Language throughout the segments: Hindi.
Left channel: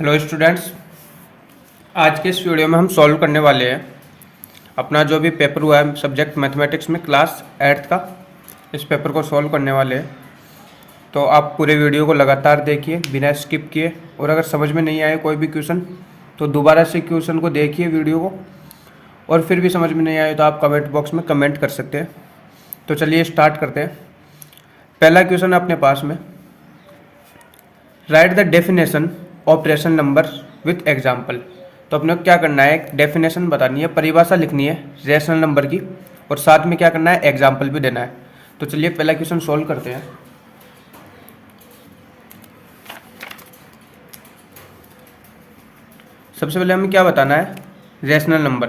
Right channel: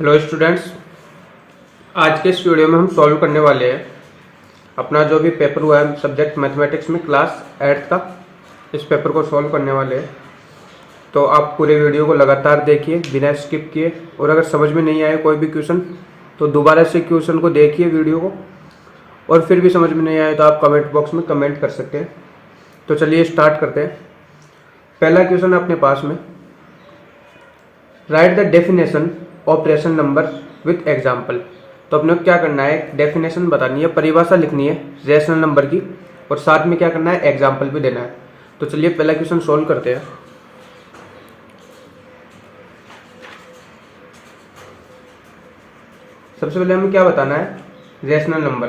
हेलो स्टूडेंट्स, आज के इस वीडियो में हम सॉल्व करने वाले हैं अपना जो भी पेपर हुआ है सब्जेक्ट मैथमेटिक्स में क्लास 8th का। इस पेपर को सॉल्व करने वाले हैं, तो आप पूरे वीडियो को लगातार देखिए बिना स्किप किए। और अगर समझ में नहीं आए कोई भी क्वेश्चन तो दोबारा से क्वेश्चन को देखिए वीडियो को, और फिर भी समझ में नहीं आए तो आप कमेंट बॉक्स में कमेंट कर सकते हैं। तो चलिए स्टार्ट करते हैं। पहला क्वेश्चन है अपने पास में, right the definition operation number with example. तो अपने को क्या करना है, एक डेफिनेशन बतानी है, परिभाषा लिखनी है रेशनल नंबर की, और साथ में क्या करना है, एग्जाम्पल भी देना है। तो चलिए पहला क्वेश्चन सॉल्व करते हैं। सबसे पहले हमें क्या बताना है, रेशनल नंबर।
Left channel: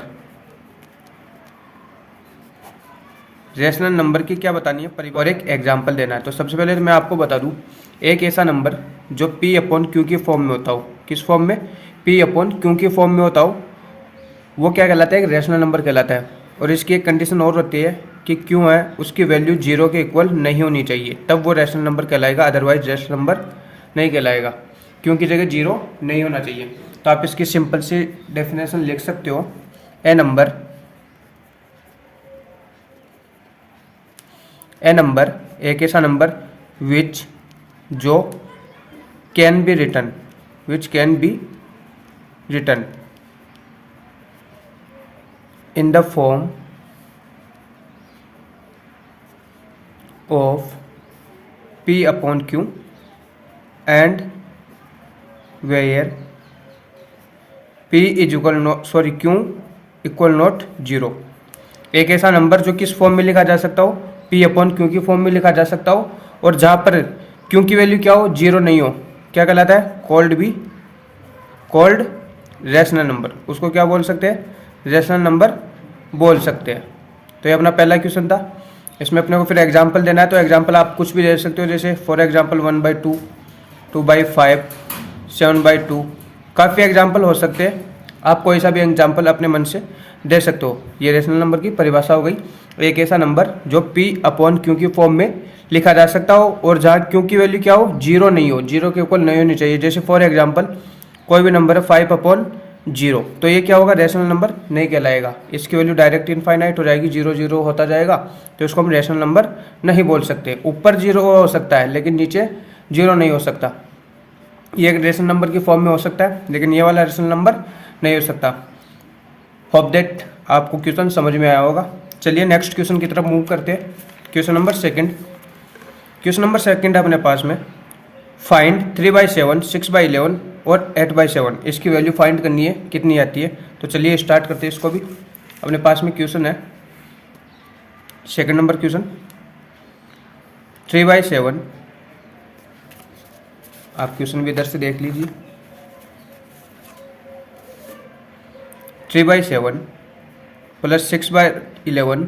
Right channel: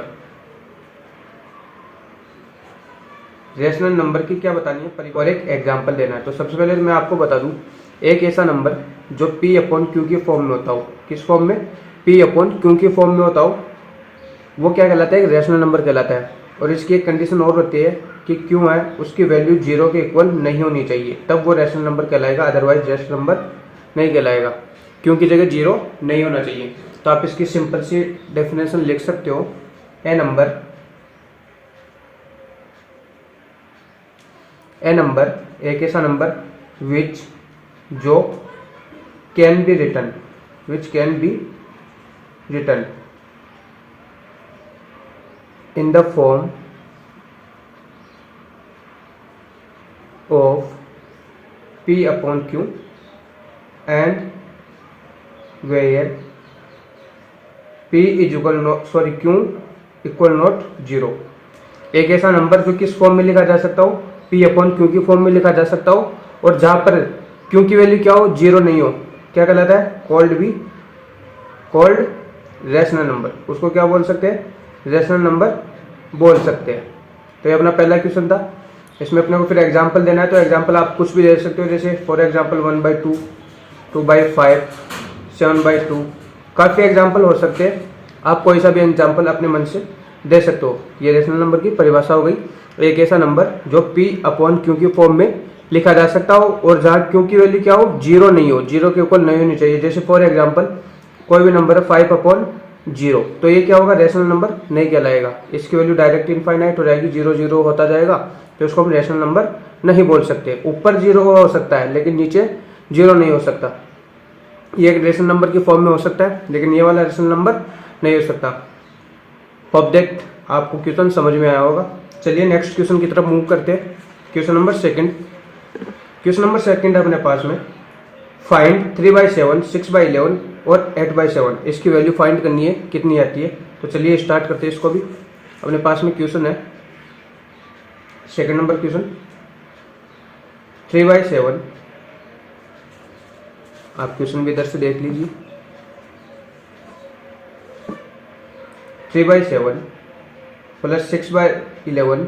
रेशनल नंबर की क्या बतानी है, और एक एग्जाम्पल देना है। तो सबसे पहले मैं आपको बता दूं, एक ऐसा नंबर जो P अपॉन Q की फॉर्म में होता हो। किस फॉर्म में? P अपॉन Q की फॉर्म में होता हो, वो क्या कहलाता है, एक रेशनल नंबर कहलाता है। और इसकी एक कंडीशन और होती है कि Q है उसकी वैल्यू 0 के इक्वल नहीं होनी चाहिए, तब वो रेशनल नंबर कहलाएगा, अदरवाइज रेशनल नंबर नहीं कहलाएगा। Q की जगह 0 नहीं होना चाहिए। तो आप इसकी सिंपल सी डेफिनेशन लिख सकते हो, ए नंबर एक ऐसा नंबर विच जो can be return in the form of P upon Q and where Q equal not 0। एक ऐसा नंबर जो किस फॉर्म में लिखा जा सकता हो, P अपॉन Q की फॉर्म में लिखा जा सकता हो, और जहाँ पर Q की वैल्यू क्या हो, 0 नहीं हो, क्या कहलाता है, कॉल्ड रेशनल नंबर। उसको क्या बोल सकते हैं, रेशनल नंबर बोल सकते हैं। तो ये अपना पहला क्वेश्चन था। इसमें अपने को फिर एग्जांपल देना है, तो एग्जांपल आप कुछ भी दे सकते हो, जैसे फॉर एग्जांपल 1/2, 2/5, 7/2, काफ़ी एग्जांपल हो सकते हैं। आप कोई सा भी एग्जांपल अपने मन से दे सकते हो। ये रेशनल नंबर की परिभाषा हो गई, एक ऐसा नंबर जो P अपॉन Q की फॉर्म में लिखा जा सकता हो, और जहाँ Q की वैल्यू क्या हो, 0 नहीं हो, 0 के ऊपर नहीं होनी चाहिए। जैसे फॉर एग्जांपल कोई भी नंबर है 5/0, तो ये क्या होगा, रेशनल नंबर नहीं कहलाएगा। इसकी वैल्यू डायरेक्ट इनफाइनाइट हो जाएगी, 0 0 होता जाएगा, तो इसको हम रेशनल नंबर नहीं बोल सकते। ऊपर 0 हो सकता है लेकिन नीचे 0 नहीं हो सकता। ये एक रेशनल नंबर की फॉर्म में हो सकता है, लेकिन ये वाला रेशनल नंबर नहीं हो सकता। होप दैट आपको क्वेश्चन समझ में आया होगा। चलिए नेक्स्ट क्वेश्चन की तरफ मूव करते हैं। क्वेश्चन नंबर सेकंड है अपने पास में, फाइंड 3/7, 6/11 और 8/7। इसकी वैल्यू फाइंड करनी है, कितनी आती है। तो चलिए स्टार्ट करते हैं इसको भी। अपने पास में क्वेश्चन है, सेकंड नंबर क्वेश्चन, 3/7। आप क्वेश्चन भी इधर से देख लीजिए। 3/7 प्लस 6/11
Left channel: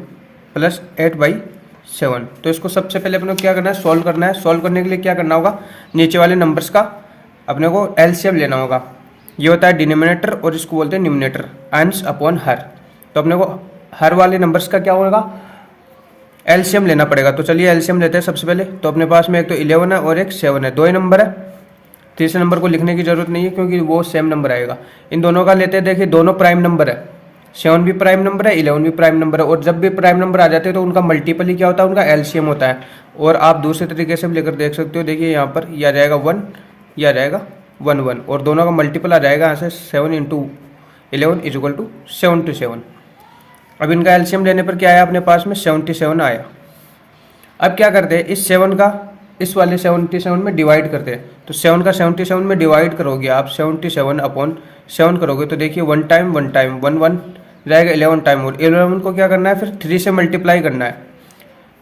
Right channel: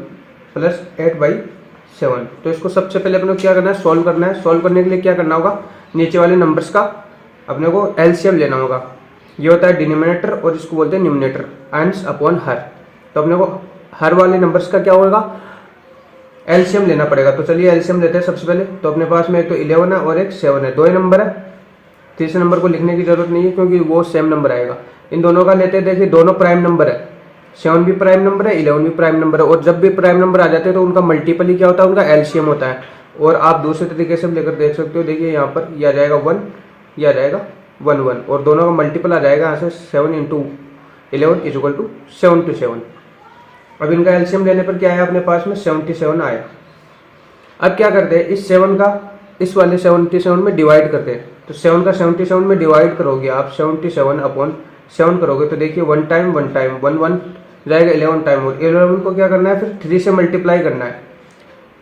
प्लस 8/7। तो इसको सबसे पहले अपने को क्या करना है, सॉल्व करना है। सॉल्व करने के लिए क्या करना होगा, नीचे वाले नंबर्स का अपने को एलसीएम लेना होगा। ये होता है डिनोमिनेटर, और इसको बोलते हैं न्यूमिनेटर, अंश अपॉन हर। तो अपने को हर वाले नंबर्स का क्या होगा, एलसीएम लेना पड़ेगा। तो चलिए एलसीएम लेते हैं सबसे पहले। तो अपने पास में एक तो 11 है और एक 7 है, दो ही नंबर है। तीसरे नंबर को लिखने की जरूरत नहीं है क्योंकि वो सेम नंबर आएगा। इन दोनों का लेते हैं, देखिए दोनों प्राइम नंबर है, 7 भी प्राइम नंबर है, 11 भी प्राइम नंबर है। और जब भी प्राइम नंबर आ जाते हैं तो उनका मल्टीपल ही क्या होता है, उनका एलसीएम होता है। और आप दूसरे तरीके से भी लेकर देख सकते हो, देखिए यहाँ पर यह आ जाएगा 1, यह आ जाएगा 1 1, और दोनों का मल्टीपल आ जाएगा यहाँ से 7 × 11 = 77। अब इनका एलसीएम लेने पर क्या आया अपने पास में, 77 आया। अब क्या करते हैं, इस 7 का इस वाले 77 में डिवाइड करते हैं। तो 7 का 77 में डिवाइड करोगे आप, 77/7 करोगे तो देखिए 1 टाइम 1 टाइम 1 1 जाएगा, 11 टाइम। और 11 को क्या करना है, फिर 3 से मल्टीप्लाई करना है।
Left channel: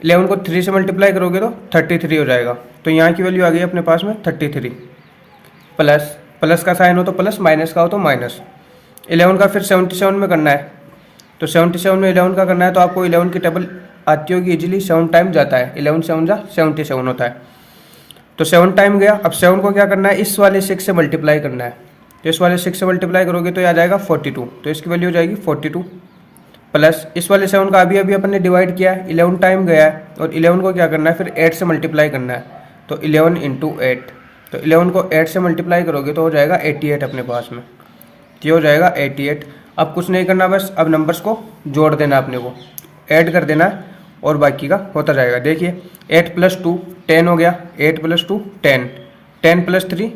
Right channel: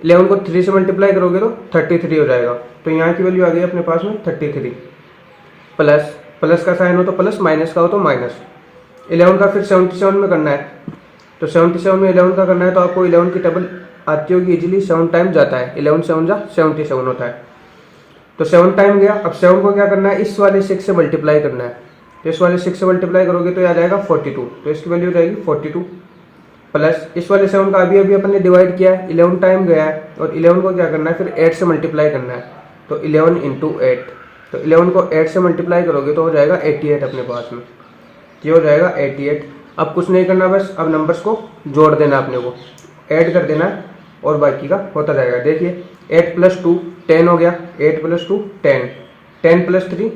11 को 3 से मल्टीप्लाई करोगे तो 33 हो जाएगा। तो यहाँ की वैल्यू आ गई अपने पास में 33। प्लस का साइन हो तो प्लस, माइनस का हो तो माइनस। 11 का फिर 77 में करना है, तो 77 में 11 का करना है, तो आपको 11 की टेबल आती होगी इजीली। 7 टाइम जाता है, 11 7 जा 77 होता है। तो 7 टाइम गया। अब 7 को क्या करना है, इस वाले 6 से मल्टीप्लाई करना है। तो इस वाले 6 से मल्टीप्लाई करोगे तो आ जाएगा 42, तो इसकी वैल्यू हो जाएगी 42। प्लस इस वाले 7 का अभी अभी अपन ने डिवाइड किया है, 11 टाइम गया है, और 11 को क्या करना है, फिर 8 से मल्टीप्लाई करना है। तो 11 × 8 तो 11 को 8 से मल्टीप्लाई करोगे तो हो जाएगा 88 अपने पास में। ये हो जाएगा 88। अब कुछ नहीं करना, बस अब नंबर्स को जोड़ देना अपने को, ऐड कर देना है और बाकी का होता जाएगा। देखिए 8 + 2 10 हो गया, 8 + 2 10, 10 + 3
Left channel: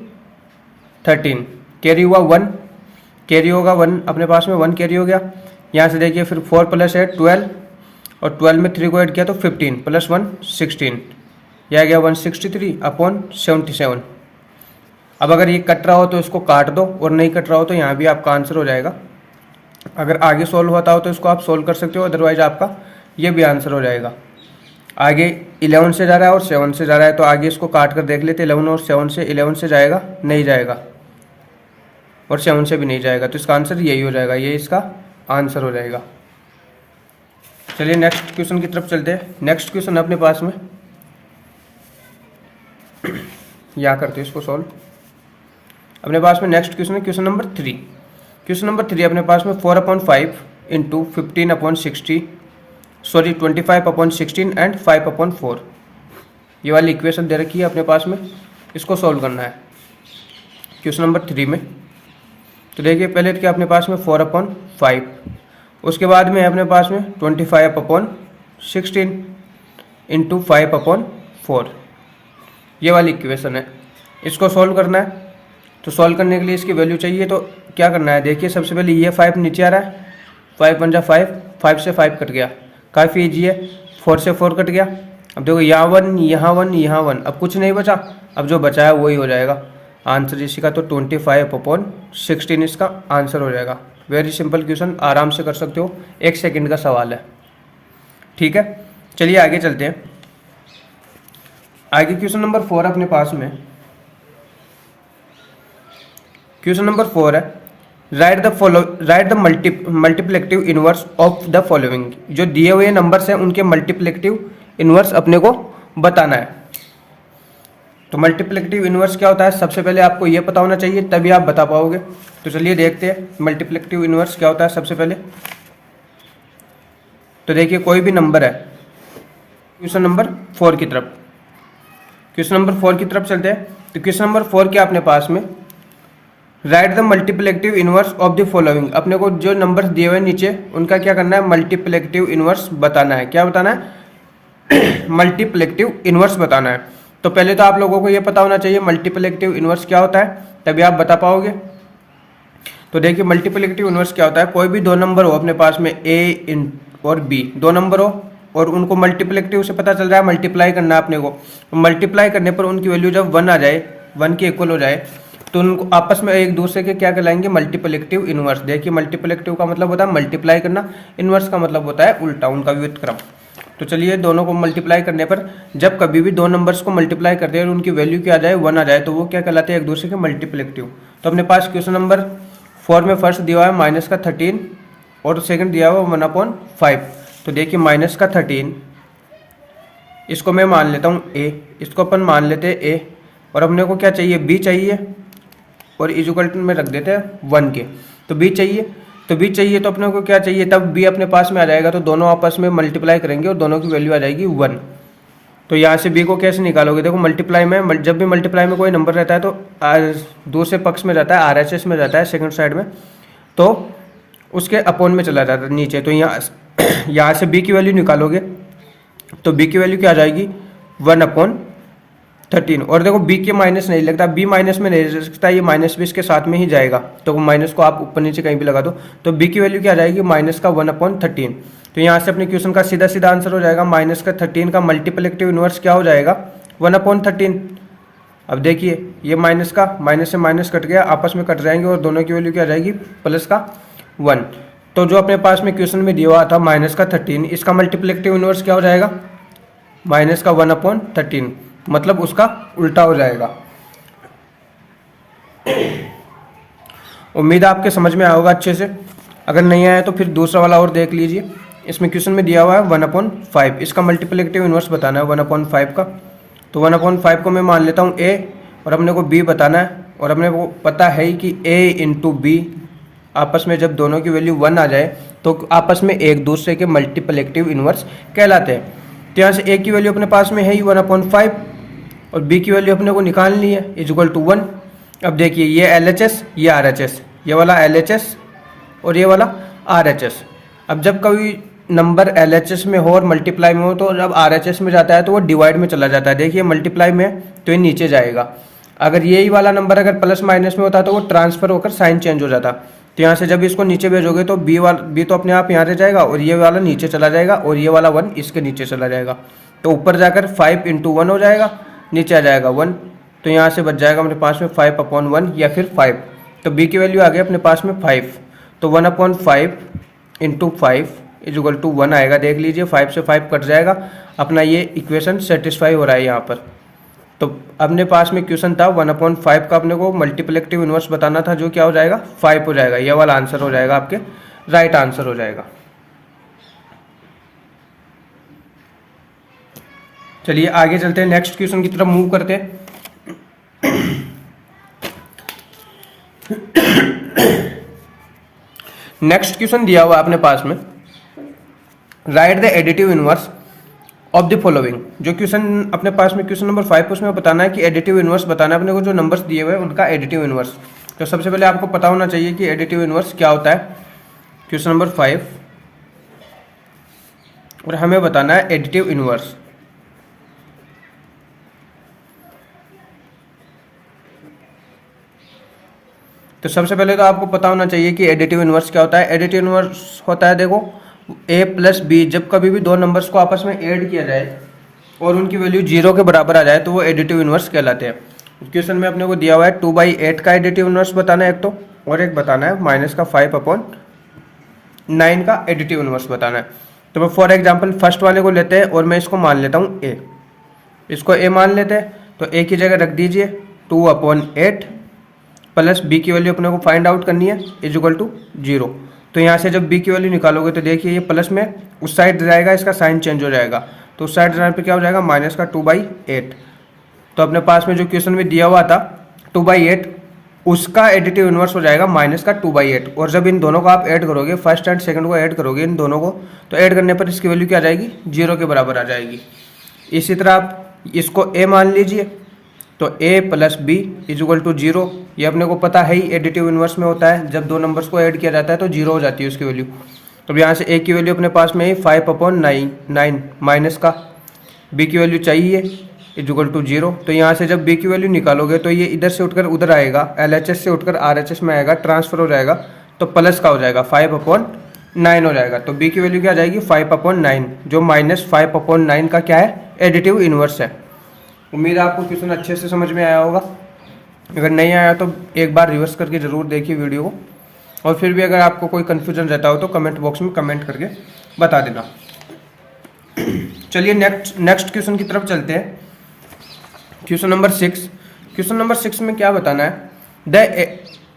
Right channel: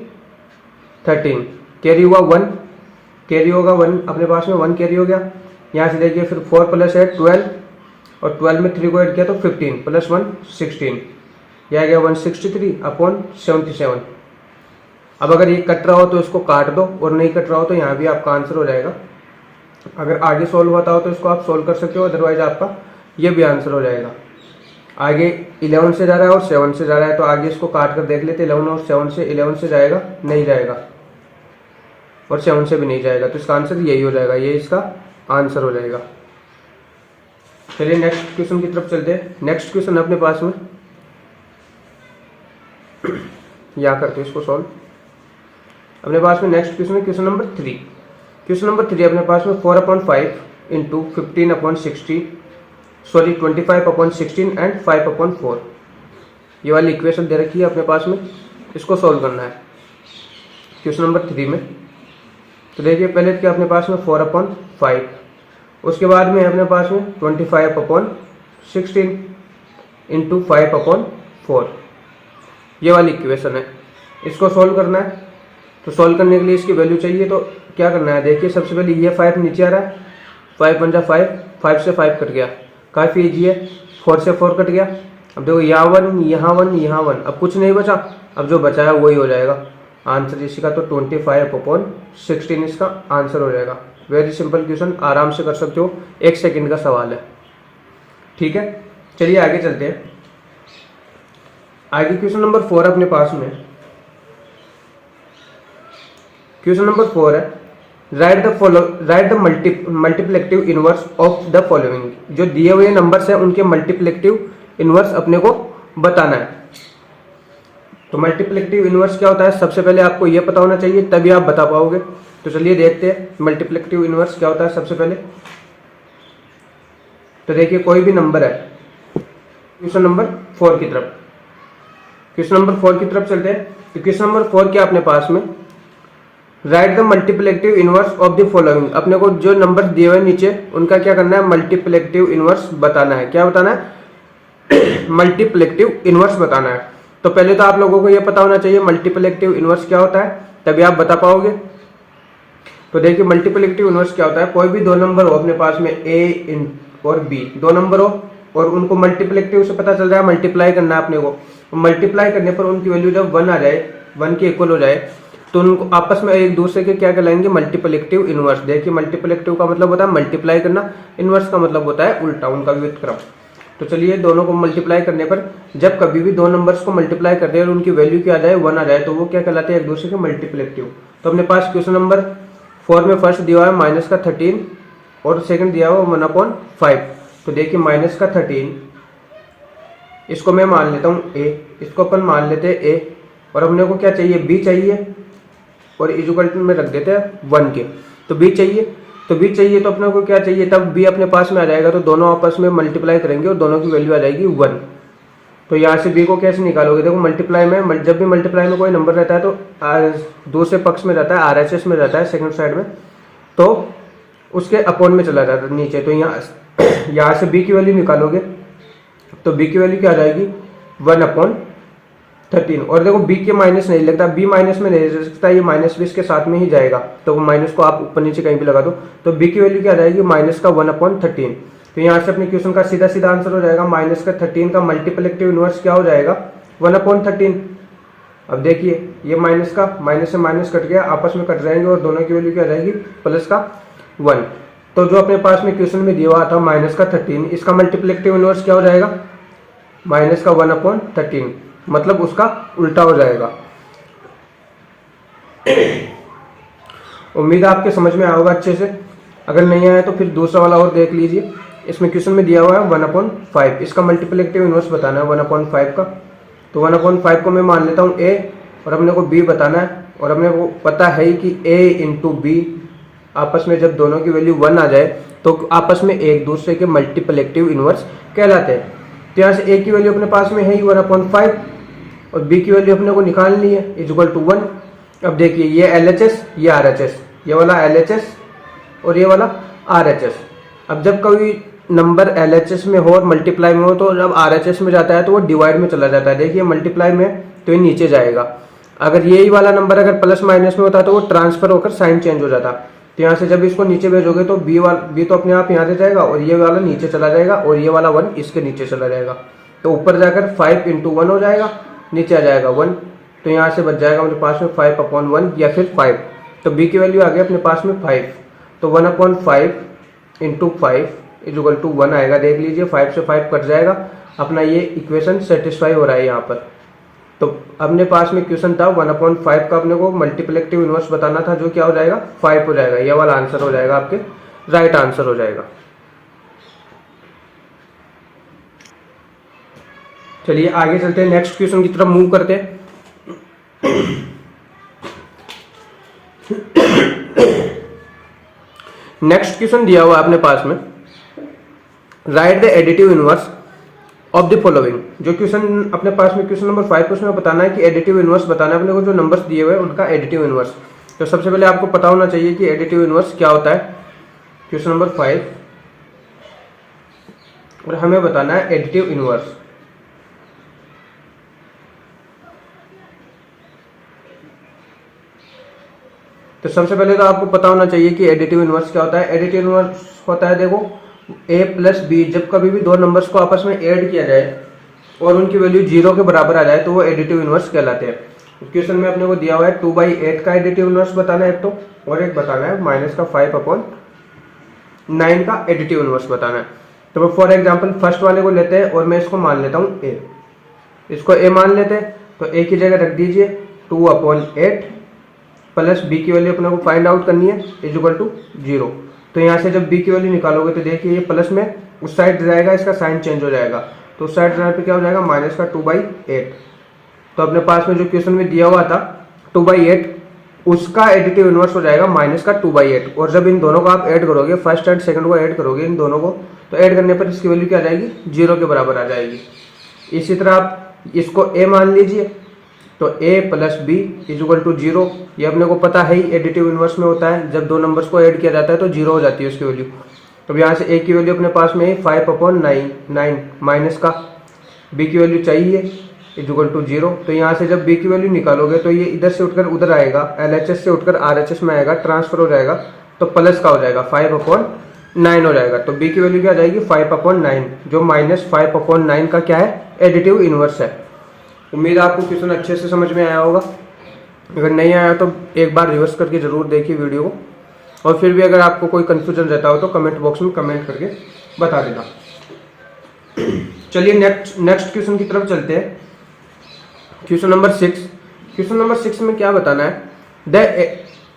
13, कैरी हुआ 1, कैरी होगा 1 अपने पास में, 1 कैरी हो गया। यहाँ से देखिए फिर 4 + 8 12, और 12 में 3 को ऐड किया तो 15 + 1 16, यह आ गया 163/77। अब अगर ये कट रहा हो तो इसको काट दो, और नहीं कट रहा हो तो यहाँ भी आपका आंसर हो जाएगा। अगर आगे सोल्व होता हो तो इसको आप सोल्व कर सकते हो, अदरवाइज आपका ये भी आंसर हो जाएगा। आगे 11 से जा रहा है और 7 से जा रहा है, तो आगे इसको काट कर देख लेते। 11 और 7 से, 11 से जाएगा, नहीं जाएगा, और 7 से भी नहीं जाएगा, तो इसका आंसर यही हो जाएगा, ये इसका आंसर हो जाएगा। चलिए नेक्स्ट क्वेश्चन की तरफ चलते हैं। नेक्स्ट क्वेश्चन अपने पास में या करते हैं इसको सॉल्व। अपने पास में नेक्स्ट क्वेश्चन है क्वेश्चन नंबर 3। क्वेश्चन नंबर 3 अपने पास में 4/5 × 15/60, सॉरी 25/16 एंड 5/4, ये वाली इक्वेशन दे रखी है अपने पास में, इसको सॉल्व करना है क्वेश्चन नंबर 3 में। तो देखिए पहले क्या अपने पास में 4/5, उसके बाद में अपने पास में 25/16 × 5/4, ये वाली इक्वेशन है, इसको सॉल्व करना है। तो सॉल्व करने के लिए इसकी वैल्यू चाहिए, तो क्या करना है, देखिए सबसे पहले ये 5 नीचे आ रहा है, 5 × 5, 5 से 5 कट गया, काफ़ी ईजी है। 4 से 4 कट गया। अब देखो यहाँ 1, यहाँ 1, यहाँ 1, अब कुछ नहीं बचा, अब जो बचा है वही हो जाएगा आंसर इसी का। तो 25/16 इसका आंसर हो जाएगा। वेरी सिंपल क्वेश्चन, आराम से कर सकते हो, 1 सेकंड का सवाल है, ठीक है। चलिए आगे चलते हैं। आगे क्वेश्चन नंबर 4 अपने पास में, क्वेश्चन नंबर 4 है right the multiplicative inverse of the following. जो दिए हुए नंबर्स हैं उनके मल्टीप्लिकेटिव इनवर्स अपने को बताना है। तो मल्टीप्लिकेटिव इनवर्स क्या होता है, सबसे पहले आपको यह पता होना चाहिए, तभी आप बता पाओगे। तो चलिए देखते हैं मल्टीप्लिकेटिव इनवर्स क्या होता है सबसे पहले। तो देखिए कोई भी नंबर है, क्वेश्चन नंबर 4 की तरफ, क्वेश्चन नंबर 4 की तरफ चलते हैं। तो क्वेश्चन नंबर 4 क्या अपने पास में, right the multiplicative inverse of the following. अपने को जो नंबर दिए हुए नीचे उनका क्या करना है, मल्टीप्लिकेटिव इनवर्स बताना है। क्या बताना है, मल्टीप्लिकेटिव इनवर्स बताना है। तो पहले तो आप लोगों को यह पता होना चाहिए मल्टीप्लिकेटिव इनवर्स क्या होता है, तभी आप बता पाओगे। तो देखिए मल्टीप्लिकेटिव इनवर्स क्या होता है, कोई भी दो नंबर हो अपने पास में a और b, दो नंबर हो और उनको मल्टीप्लिकेटिव से पता चल रहा है मल्टीप्लाई करना है अपने को। मल्टीप्लाई करने पर उनकी वैल्यू जब 1 आ जाए, 1 के इक्वल हो जाए, तो उनको आपस में एक दूसरे के क्या कहलाएंगे, मल्टीप्लिकेटिव इनवर्स। देखिए मल्टीप्लिकेटिव का मतलब होता है मल्टीप्लाई करना, इनवर्स का मतलब होता है उल्टा, उनका व्युत्क्रम। तो चलिए दोनों को मल्टीप्लाई करने पर जब कभी भी दो नंबर्स को मल्टीप्लाई करते हैं और उनकी वैल्यू क्या आ जाए, 1 आ जाए, तो वो क्या कहलाते हैं, एक दूसरे के मल्टीप्लिकेटिव। तो अपने पास क्वेश्चन नंबर 4 में फर्स्ट दिया हुआ है -13 और सेकंड दिया हुआ 1/5। तो देखिए -13 इसको मैं मान लेता हूँ a, इसको अपन मान लेते हैं a, और अपने को क्या चाहिए, b चाहिए, और इक्वल में रख देते हैं 1 के। तो b चाहिए, तो b चाहिए तो अपने को क्या चाहिए, तब b अपने पास में आ जाएगा, तो दोनों आपस में मल्टीप्लाई करेंगे और दोनों की वैल्यू आ जाएगी 1। तो यहाँ से b को कैसे निकालोगे, देखो मल्टीप्लाई में, जब भी मल्टीप्लाई में कोई नंबर रहता है तो दूसरे पक्ष में रहता है, RHS में रहता है सेकंड साइड में, तो उसके अपॉन में चला जाता है नीचे। तो यहाँ से b की वैल्यू निकालोगे तो b की वैल्यू क्या आ जाएगी, 1/13। और देखो b के माइनस नहीं लगता, b माइनस में नहीं रह सकता, ये माइनस भी इसके साथ में ही जाएगा, तो माइनस को आप ऊपर नीचे कहीं भी लगा दो। तो b की वैल्यू क्या आ जाएगी, -1/13। तो यहाँ से अपने क्वेश्चन का सीधा सीधा आंसर हो जाएगा -13 का मल्टीप्लिकेटिव इनवर्स क्या हो जाएगा, 1/13। अब देखिए ये माइनस से माइनस कट गया, आपस में कट जाएंगे और दोनों की वैल्यू क्या आ जाएगी, +1। तो जो अपने पास में क्वेश्चन में दिया हुआ था -13, इसका मल्टीप्लिकेटिव इनवर्स क्या हो जाएगा, -1/13, मतलब उसका उल्टा हो जाएगा। उम्मीद है आपके समझ में आएगा अच्छे से, अगर नहीं आया तो फिर दूसरा वाला और देख लीजिए। इसमें क्वेश्चन में दिया हुआ है 1/5, इसका मल्टीप्लिकेटिव इनवर्स बताना है 1/5 का। तो 1/5 को मैं मान लेता हूँ a, और अपने को b बताना है, और अपने को पता है कि a × b आपस में जब दोनों की वैल्यू 1 आ जाए तो आपस में एक दूसरे के मल्टीप्लिकेटिव इनवर्स कहलाते हैं। तो यहाँ से a की वैल्यू अपने पास में है ही 1/5, और बी की वैल्यू अपने को निकालनी है इज इक्वल टू 1। अब देखिए ये LHS ये RHS, ये वाला LHS और ये वाला RHS। अब जब कोई नंबर LHS में हो और मल्टीप्लाई में हो तो जब RHS में जाता है तो वो डिवाइड में चला जाता है। देखिए मल्टीप्लाई में तो ये नीचे जाएगा, अगर यही वाला नंबर अगर प्लस माइनस में होता तो वो ट्रांसफर होकर साइन चेंज हो जाता। तो यहाँ से जब इसको नीचे भेजोगे तो बी तो अपने आप यहाँ से जाएगा और ये वाला नीचे चला जाएगा और ये वाला 1 इसके नीचे चला जाएगा। तो ऊपर जाकर 5 × 1 हो जाएगा, नीचे आ जाएगा 1। तो यहाँ से बच जाएगा अपने पास में 5/1 या फिर 5। तो बी की वैल्यू आ गई अपने पास में 5। तो 1/5 × 5 इज इक्वल टू 1 आएगा। देख लीजिए 5 से 5 कट जाएगा, अपना ये इक्वेशन सेटिस्फाई हो रहा है यहाँ पर। तो अपने पास में क्वेश्चन था 1/5 का अपने को मल्टीप्लिकेटिव इनवर्स बताना था, जो क्या हो जाएगा 5 हो जाएगा। ये वाला आंसर हो जाएगा आपके राइट आंसर हो जाएगा। चलिए आगे चलते हैं, नेक्स्ट क्वेश्चन की तरफ मूव करते हैं। नेक्स्ट क्वेश्चन दिया हुआ अपने पास में, right the additive inverse of the following. जो क्वेश्चन अपने पास में क्वेश्चन नंबर 5 उसमें बताना है कि एडिटिव इनवर्स बताना है अपने को, जो नंबर्स दिए हुए हैं उनका एडिटिव इनवर्स। तो सबसे पहले आपको पता होना चाहिए कि एडिटिव इनवर्स क्या होता है। क्वेश्चन नंबर 5 और हमें बताना है एडिटिव इनवर्स। तो सबसे पहले तो आपको पता होना चाहिए कि एडिटिव इनवर्स क्या होता है। एडिटिव इनवर्स होता है, देखो a + b, जब कभी भी दो नंबर्स को आपस में ऐड किया जाए और उनकी वैल्यू 0 के बराबर आ जाए तो वो एडिटिव इनवर्स कहलाते हैं। क्वेश्चन में अपने को दिया हुआ है 2/8 का एडिटिव इनवर्स बताना है एक तो, और एक बताना है -5/9 का एडिटिव इनवर्स बताना है। तो मैं फॉर एग्जाम्पल फर्स्ट वाले को लेते हैं और मैं इसको मान लेता हूँ a, इसको a मान लेते हैं। तो a की जगह रख दीजिए 2/8 प्लस b की वैल्यू अपने को फाइंड आउट करनी है इज इक्वल टू 0। तो यहाँ से जब b की वैल्यू निकालोगे तो देखिए ये प्लस में उस साइड जाएगा, इसका साइन चेंज हो जाएगा। तो उस साइड जाने पे क्या हो जाएगा -2/8। तो अपने पास में जो क्वेश्चन में दिया हुआ था 2/8, उसका एडिटिव इनवर्स हो जाएगा -2/8। और जब इन दोनों को आप ऐड करोगे, फर्स्ट एंड सेकंड को ऐड करोगे इन दोनों को, तो ऐड करने पर इसकी वैल्यू क्या आ जाएगी 0 के बराबर आ जाएगी। इसी तरह आप इसको a मान लीजिए, तो a + b is equal to 0। ये अपने को पता है ही एडिटिव इनवर्स में होता है, जब दो नंबर्स को ऐड किया जाता है तो 0 हो जाती है उसकी वैल्यू। तो यहाँ से a की वैल्यू अपने पास में है 5/9 माइनस का b की वैल्यू चाहिए इज इक्वल टू 0। तो यहाँ से जब b की वैल्यू निकालोगे तो ये इधर से उठकर उधर आएगा, LHS से उठकर RHS में आएगा, ट्रांसफर हो जाएगा, तो प्लस का हो जाएगा 5/9 हो जाएगा। तो b की वैल्यू क्या आ जाएगी 5/9, जो -5/9 का क्या है एडिटिव इनवर्स है। उम्मीद है आपको क्वेश्चन अच्छे से समझ में आया होगा। अगर नहीं आया तो एक बार रिवर्स करके ज़रूर देखिए वीडियो को, और फिर भी अगर आपको कोई कन्फ्यूजन रहता हो तो कमेंट बॉक्स में कमेंट करके बता देना। चलिए नेक्स्ट क्वेश्चन की तरफ चलते हैं। Question number 6। क्वेश्चन नंबर 6 में क्या बताना है, द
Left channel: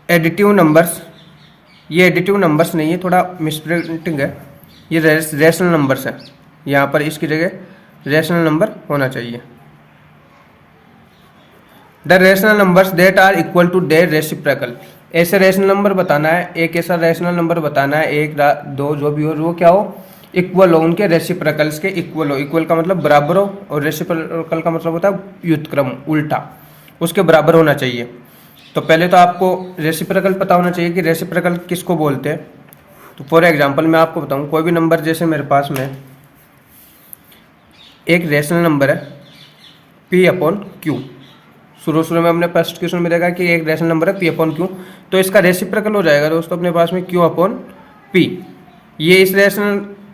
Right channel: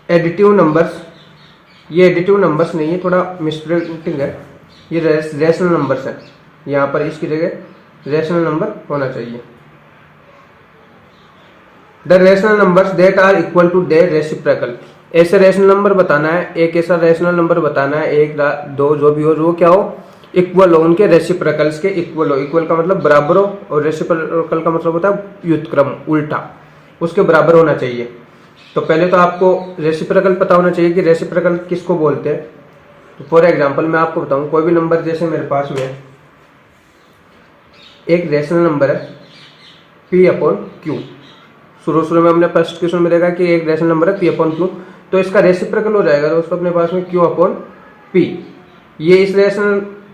एडिटिव नंबर्स। ये एडिटिव नंबर्स नहीं है, थोड़ा मिसप्रिंटिंग है, ये रेशनल नंबर्स है। यहाँ पर इसकी जगह रेशनल नंबर होना चाहिए। The rational numbers that are equal to their reciprocal. ऐसे रेशनल नंबर बताना है, एक ऐसा रेशनल नंबर बताना है, 1 2 जो भी हो, वो क्या हो इक्वल हो, उनके रेसिप्रोकल्स के इक्वल हो। इक्वल का मतलब बराबर हो, और रेसिप्रोकल का मतलब होता है व्युत्क्रम, उल्टा, उसके बराबर होना चाहिए। तो पहले तो आपको रेसिप्रोकल पता होना चाहिए कि रेसिप्रोकल किसको बोलते हैं। तो फॉर एग्जांपल मैं आपको बताऊं, कोई भी नंबर, जैसे मेरे पास में एक रेशनल नंबर है P/Q। शुरू में हमने फर्स्ट क्वेश्चन में देखा कि एक रेशनल नंबर है P/Q, तो इसका रेसिप्रोकल हो जाएगा दोस्तों अपने पास में Q/P। ये इस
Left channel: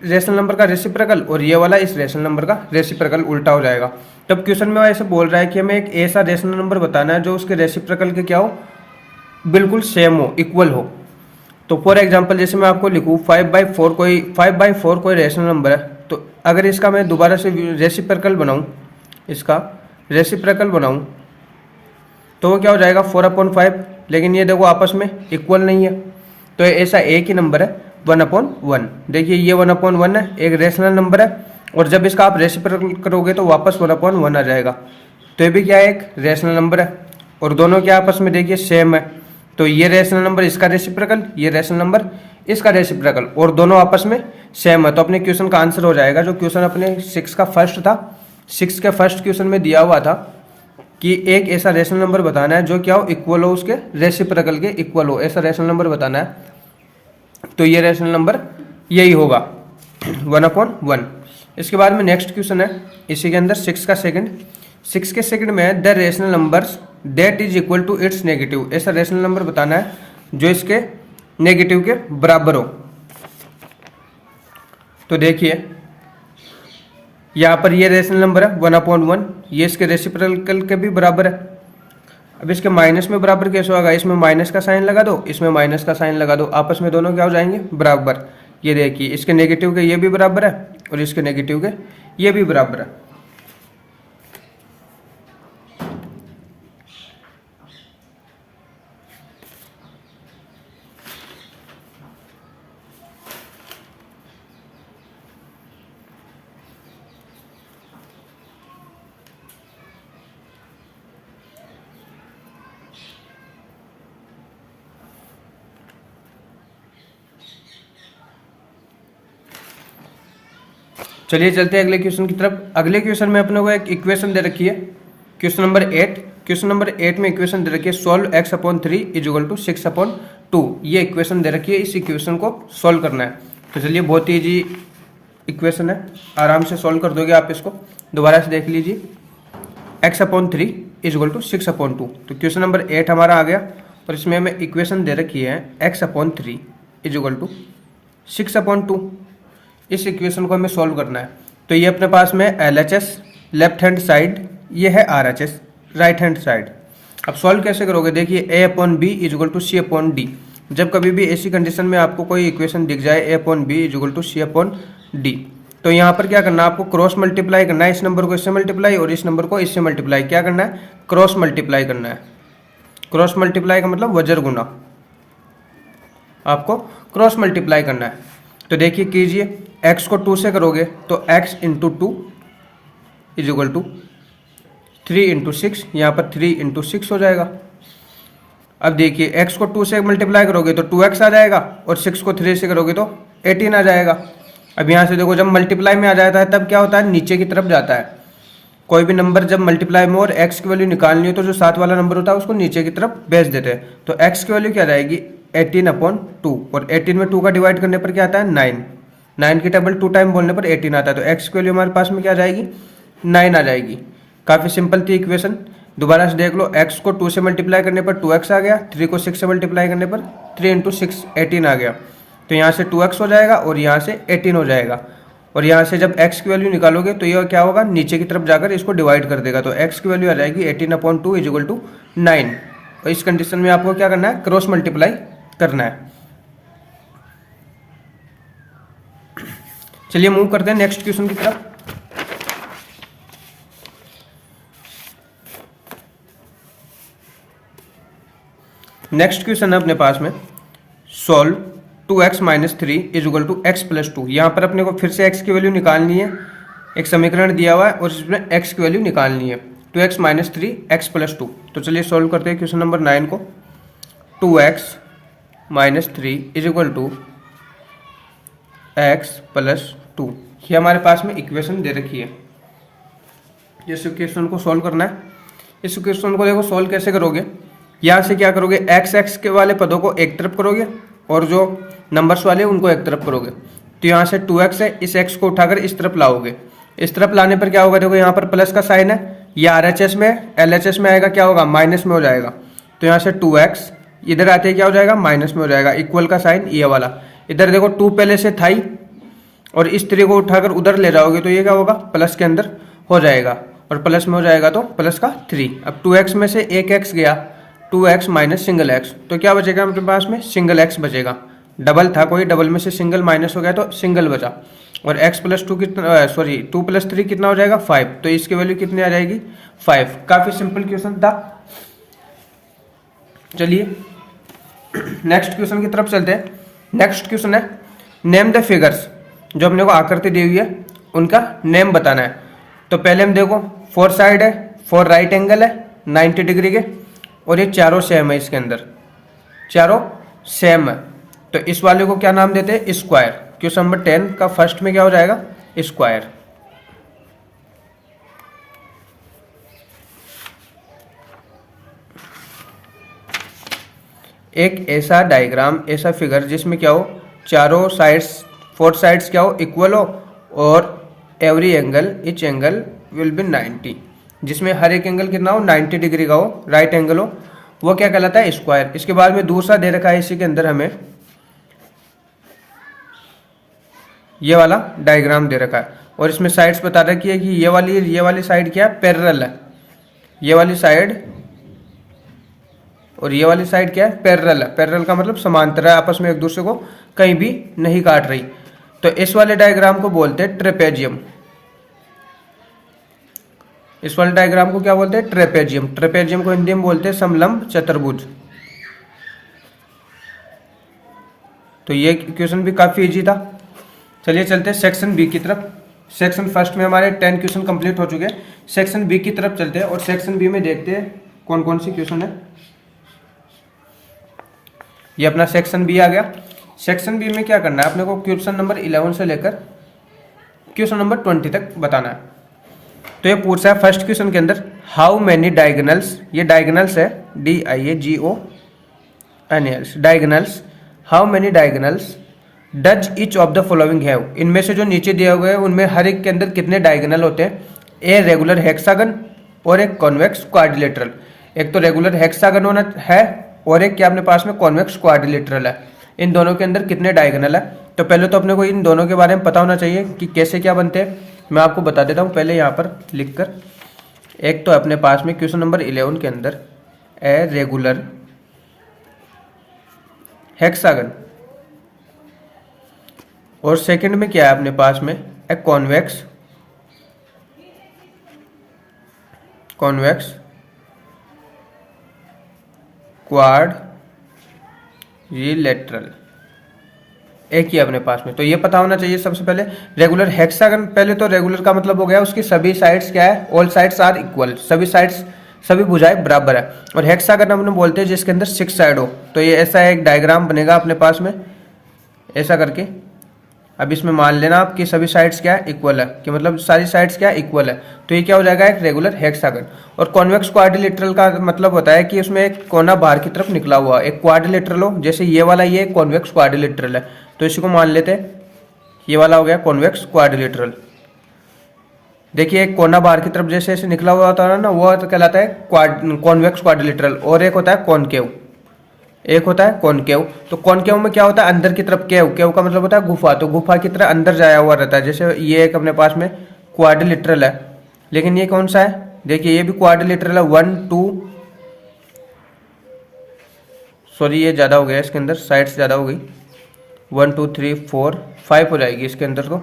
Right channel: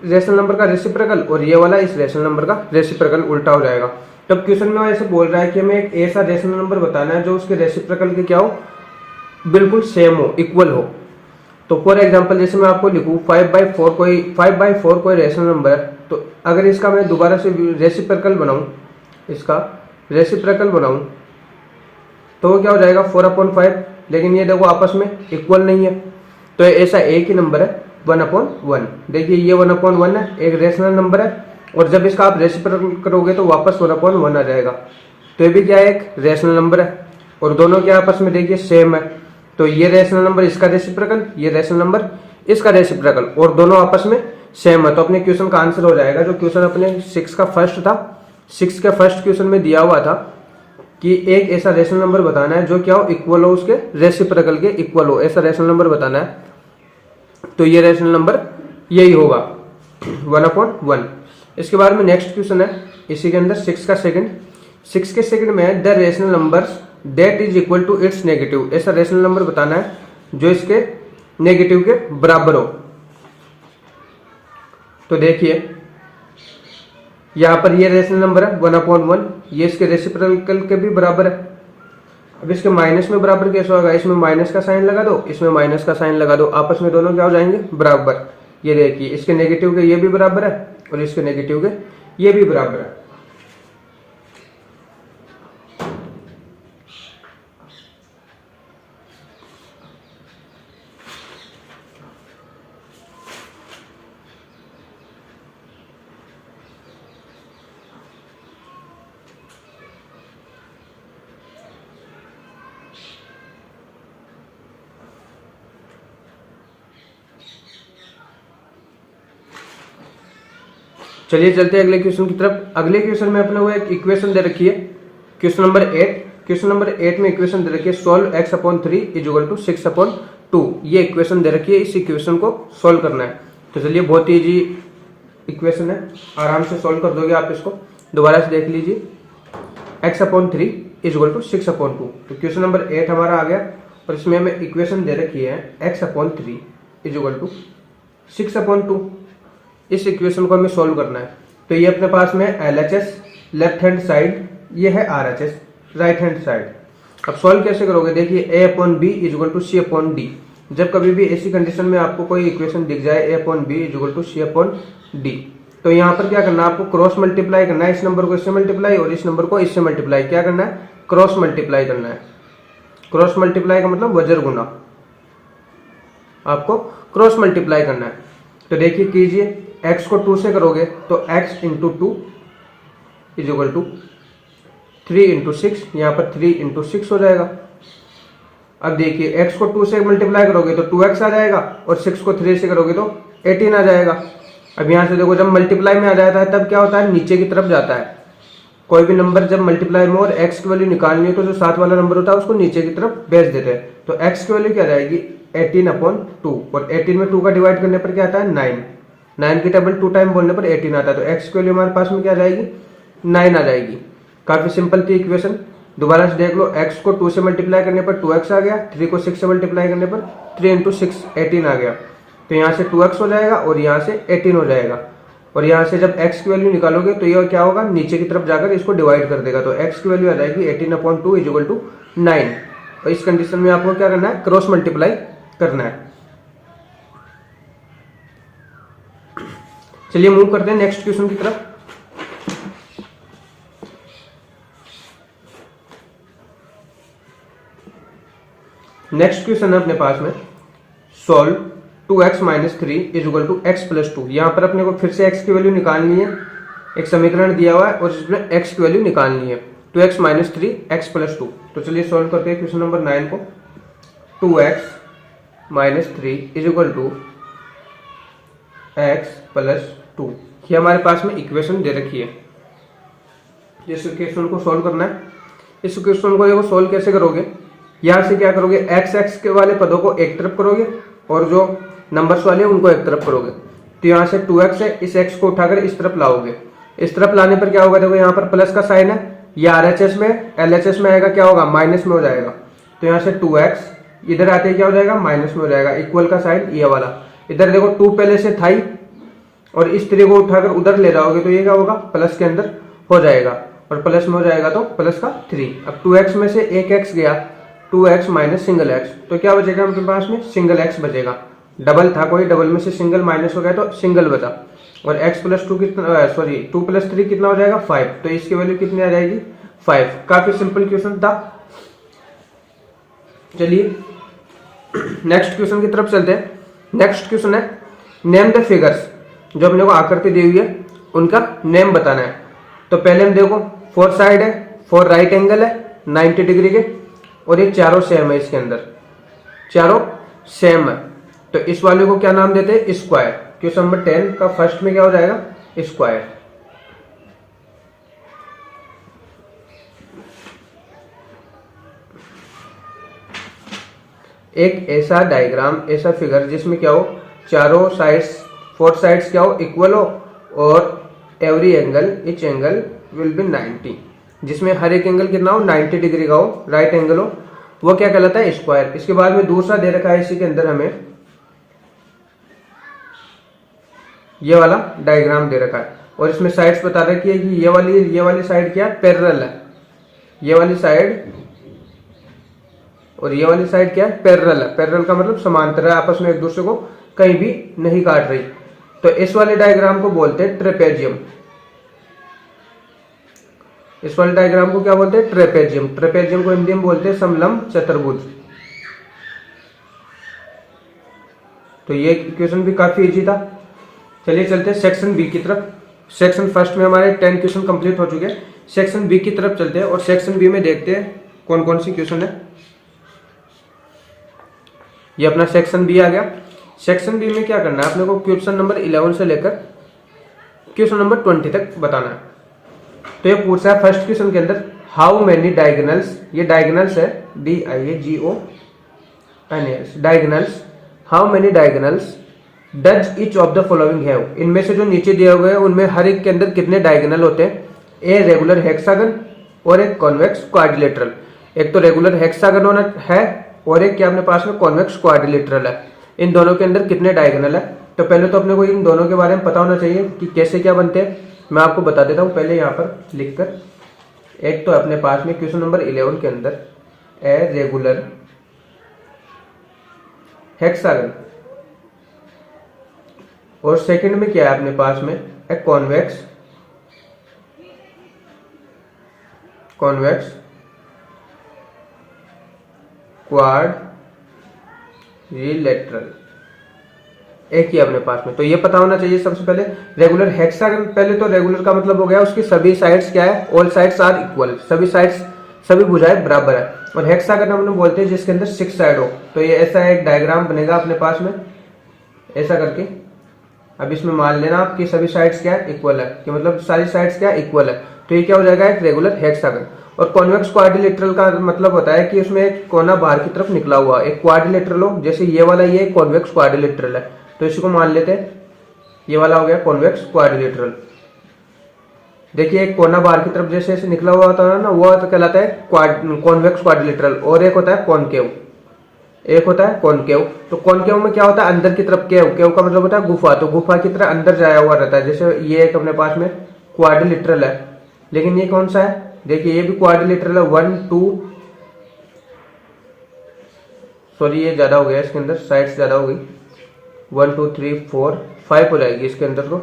रेशनल नंबर का रेसिप्रोकल और ये वाला इस रेशनल नंबर का रेसिप्रोकल उल्टा हो जाएगा। तब क्वेश्चन में ऐसे बोल रहा है कि हमें एक ऐसा रेशनल नंबर बताना है जो उसके रेसिप्रोकल के क्या हो, बिल्कुल सेम हो, इक्वल हो। तो फॉर एग्जांपल जैसे मैं आपको लिखूँ 5/4 कोई रेशनल नंबर है, तो अगर इसका मैं दोबारा से रेसिप्रोकल बनाऊँ, इसका रेसिप्रोकल बनाऊँ, तो क्या हो जाएगा 4/5। लेकिन ये देखो आपस में इक्वल नहीं है, तो ऐसा एक ही नंबर है 1/1। देखिए ये 1/1 है, एक रेशनल नंबर है, और जब इसका आप रेसिप्रोकल करोगे तो वापस 1/1 आ जाएगा। तो ये भी क्या है, एक रेशनल नंबर है, और दोनों के आपस में देखिए सेम है। तो ये रेशनल नंबर इसका रेसिप्रोकल, ये रेशनल नंबर इसका रेसिप्रोकल, और दोनों आपस में सेम है। तो अपने क्वेश्चन का आंसर हो जाएगा, जो क्वेश्चन अपने 6 का फर्स्ट था, 6 के फर्स्ट क्वेश्चन में दिया हुआ था कि एक ऐसा रेशनल नंबर बताना है जो क्या हो, इक्वल हो उसके रेसिप्रोकल के इक्वल हो, ऐसा रेशनल नंबर बताना है। तो ये रेशनल नंबर यही होगा 1/1। इसके बाद में नेक्स्ट क्वेश्चन है इसी के अंदर 6 का सेकंड में the rational numbers that is equal to its negative, ऐसा रेशनल नंबर बताना है जो इसके नेगेटिव के बराबर हो। तो देखिए यहाँ पर ये रेशनल नंबर है 1/1, ये इसके रेसिप्रोकल के भी बराबर है। अब इसके माइनस में बराबर कैसे होगा, इसमें माइनस का साइन लगा दो, इसमें माइनस का साइन लगा दो, आपस में दोनों क्या हो जाएंगे, बराबर। ये देखिए इसके नेगेटिव के ये भी बराबर है और इसके नेगेटिव के ये भी बराबर है। चलिए चलते हैं अगले क्वेश्चन की तरफ। अगले क्वेश्चन में अपने को एक इक्वेशन दे रखी है, क्वेश्चन नंबर 8। क्वेश्चन नंबर 8 में इक्वेशन दे रखी है सोल्व x/3 = 6/2। ये इक्वेशन दे रखी है, इस इक्वेशन को सोल्व करना है। तो चलिए बहुत ही इजी इक्वेशन है, आराम से सोल्व कर दोगे आप इसको। दोबारा से देख लीजिए x/3 = 6/2। तो क्वेश्चन नंबर 8 हमारा आ गया और इसमें हमें इक्वेशन दे रखी है x/3 = 6/2। इस इक्वेशन को हमें सॉल्व करना है। तो ये अपने पास में LHS लेफ्ट हैंड साइड, ये है RHS राइट हैंड साइड। अब सॉल्व कैसे करोगे, देखिए A/B = C/D। जब कभी भी ऐसी कंडीशन में आपको कोई इक्वेशन दिख जाए A/B = C/D, तो यहाँ पर क्या करना है, आपको क्रॉस मल्टीप्लाई करना है। इस नंबर को इससे मल्टीप्लाई और इस नंबर को इससे मल्टीप्लाई, क्या करना है, क्रॉस मल्टीप्लाई करना है। क्रॉस मल्टीप्लाई का मतलब वजर गुना, आपको क्रॉस मल्टीप्लाई करना है। तो देखिए कीजिए, x को 2 से करोगे तो x × 2 = 3 × 6, यहाँ पर 3 × 6 हो जाएगा। अब देखिए x को 2 से मल्टीप्लाई करोगे तो 2x आ जाएगा और 6 को 3 से करोगे तो 18 आ जाएगा। अब यहाँ से देखो, जब मल्टीप्लाई में आ जाता है तब क्या होता है, नीचे की तरफ जाता है। कोई भी नंबर जब मल्टीप्लाई में और x की वैल्यू निकालनी हो तो जो साथ वाला नंबर होता है उसको नीचे की तरफ भेज देते हैं। तो x की वैल्यू क्या आ जाएगी, 18/2, और 18 में 2 का डिवाइड करने पर क्या आता है, 9 की टेबल 2 टाइम बोलने पर 18 आता है। तो x की वैल्यू हमारे पास में क्या आ जाएगी, 9 आ जाएगी। काफ़ी सिंपल थी इक्वेशन। दोबारा से देख लो, x को 2 से मल्टीप्लाई करने पर 2x आ गया, 3 को 6 से मल्टीप्लाई करने पर 3 × 6 18 आ गया। तो यहाँ से 2x हो जाएगा और यहाँ से 18 हो जाएगा। और यहाँ से जब x की वैल्यू निकालोगे तो यह क्या होगा, नीचे की तरफ जाकर इसको डिवाइड कर देगा। तो x की वैल्यू आ जाएगी 18/2 = 9। और इस कंडीशन में आपको क्या करना है, क्रॉस मल्टीप्लाई करना है। चलिए मूव करते हैं नेक्स्ट क्वेश्चन की तरफ। नेक्स्ट क्वेश्चन है अपने पास में सॉल्व 2x - 3 = x+2। यहाँ पर अपने को फिर से x की वैल्यू निकालनी है। एक समीकरण दिया हुआ है और इसमें x की वैल्यू निकालनी है। 2x - 3 x+2। तो चलिए सॉल्व करते हैं क्वेश्चन नंबर 9 को। 2x - 3 = x+2। ये हमारे पास में इक्वेशन दे रखी है। इस इक्वेशन को सॉल्व करना है। इस इक्वेशन को देखो सॉल्व कैसे करोगे, यहाँ से क्या करोगे, x के वाले पदों को एक तरफ करोगे और जो नंबर्स वाले उनको एक तरफ करोगे। तो यहाँ से 2x है, इस x को उठाकर इस तरफ लाओगे। इस तरफ लाने पर क्या होगा, देखो यहाँ पर प्लस का साइन है, ये RHS में LHS में आएगा, क्या होगा, माइनस में हो जाएगा। तो यहाँ से 2x इधर आते क्या हो जाएगा, माइनस में हो जाएगा। इक्वल का साइन ये वाला, इधर देखो 2 पहले से था ही, और इस 3 को उठाकर उधर ले जाओगे तो ये क्या होगा, प्लस के अंदर हो जाएगा, और प्लस में हो जाएगा तो प्लस का 3। अब 2x में से एक x गया, 2x - सिंगल x, तो क्या बचेगा अपने पास में, सिंगल x बचेगा। डबल था कोई, डबल में से सिंगल माइनस हो गया तो सिंगल बचा। और x+2 कितना, सॉरी 2 + 3 कितना हो जाएगा, 5। तो इसकी वैल्यू कितनी आ जाएगी, 5। काफी सिंपल क्वेश्चन था। चलिए नेक्स्ट क्वेश्चन की तरफ चलते हैं। नेक्स्ट क्वेश्चन है नेम द फिगर्स। जो अपने को आकृति दी हुई है उनका नेम बताना है। तो पहले हम देखो, 4 साइड है, 4 राइट एंगल है 90 डिग्री के, और ये चारों सेम है, इसके अंदर चारों सेम है। तो इस वाले को क्या नाम देते हैं, स्क्वायर। क्वेश्चन नंबर 10 का फर्स्ट में क्या हो जाएगा, स्क्वायर। एक ऐसा डायग्राम, ऐसा फिगर जिसमें क्या हो, चारों साइड्स, फोर साइड्स क्या हो, इक्वल हो, और every angle, each angle will be 90, जिसमें हर एक एंगल कितना हो, 90 डिग्री का हो, राइट एंगल हो, वो क्या कहलाता है, स्क्वायर। इसके बाद में दूसरा दे रखा है इसी के अंदर हमें ये वाला डायग्राम दे रखा है, और इसमें साइड्स बता रखी है कि ये वाली साइड क्या है, पैरेलल है, ये वाली साइड और ये वाली साइड क्या है, पैरेलल है। पैरेलल का मतलब समांतर है, आपस में एक दूसरे को कहीं भी नहीं काट रही। तो इस वाले डायग्राम को बोलते हैं ट्रेपेजियम। इस वाले डायग्राम को क्या बोलते हैं, ट्रेपेजियम। ट्रेपेजियम को हिंदी में बोलते हैं समलंब चतुर्भुज। तो ये क्वेश्चन भी काफी इजी था। चलिए चलते हैं सेक्शन बी की तरफ। सेक्शन फर्स्ट में हमारे 10 क्वेश्चन कंप्लीट हो चुके हैं। सेक्शन बी की तरफ चलते हैं और सेक्शन बी में देखते हैं कौन कौन सी क्वेश्चन है। ये अपना सेक्शन बी आ गया। सेक्शन बी में क्या करना है, अपने को क्वेश्चन नंबर 11 से लेकर क्वेश्चन नंबर 20 तक बताना है। तो ये पूछा है फर्स्ट क्वेश्चन के अंदर, हाउ मेनी डायगोनल्स, ये डायगोनल्स है, DIAGONALS, diagonals, how many diagonals does each of the following have, इनमें से जो नीचे दिया हुआ है उनमें हर एक के अंदर कितने डायगोनल होते हैं। ए रेगुलर हेक्सागन और एक कॉन्वेक्स क्वाड्रिलेटरल। एक तो रेगुलर हेक्सागन होना है और एक क्या अपने पास में कॉन्वेक्स क्वाड्रिलेटरल है। इन दोनों के अंदर कितने डायगोनल है, तो पहले तो अपने को इन दोनों के बारे में पता होना चाहिए कि कैसे क्या बनते हैं। मैं आपको बता देता हूँ पहले यहाँ पर लिखकर। एक तो अपने पास में क्वेश्चन नंबर 11 के अंदर ए रेगुलर हेक्सागन, और सेकंड में क्या है अपने पास में ए कॉन्वेक्स क्वाड्रिलेटरल, एक ही अपने पास में। तो ये पता होना चाहिए सबसे पहले। रेगुलर हेक्सागन, पहले तो रेगुलर का मतलब हो गया उसकी सभी साइड्स क्या है, ऑल साइड्स आर इक्वल, सभी साइड्स, सभी भुजाएं बराबर है। और हेक्सागन हम लोग बोलते हैं जिसके अंदर 6 साइड हो। तो ये ऐसा एक डायग्राम बनेगा अपने पास में ऐसा करके। अब इसमें मान लेना आप कि सभी साइड्स क्या है, इक्वल है, कि मतलब सारी साइड्स क्या है, इक्वल है। तो ये क्या हो जाएगा, एक रेगुलर हेक्सागन। और कॉन्वेक्स क्वाड्रिलेटरल का मतलब होता है कि उसमें एक कोना बाहर की तरफ निकला हुआ, एक क्वाड्रिलेटरल हो, जैसे ये वाला, ये कॉन्वेक्स क्वाड्रिलेटरल है। तो इसी को मान लेते हैं, ये वाला हो गया कॉन्वेक्स क्वाड्रिलेटरल। देखिए एक कोना बाहर की तरफ जैसे ऐसे निकला हुआ होता है ना, वो कहलाता है कॉन्वेक्स क्वाड्रिलेटरल। और एक होता है कॉनकेव, एक होता है कॉनकेव। तो कॉनकेव में क्या होता है, अंदर की तरफ, केव, केव का मतलब होता है गुफा, तो गुफा की तरह अंदर जाया हुआ रहता है। जैसे ये एक अपने पास में क्वाड्रिलेटरल है, लेकिन ये कौन सा है, देखिए ये भी क्वाड्रिलेटरल है। 1 2, सॉरी ये ज्यादा हो गया, इसके अंदर साइड्स ज्यादा हो गई, 1 2 3 4 5 हो जाएगी इसके अंदर, तो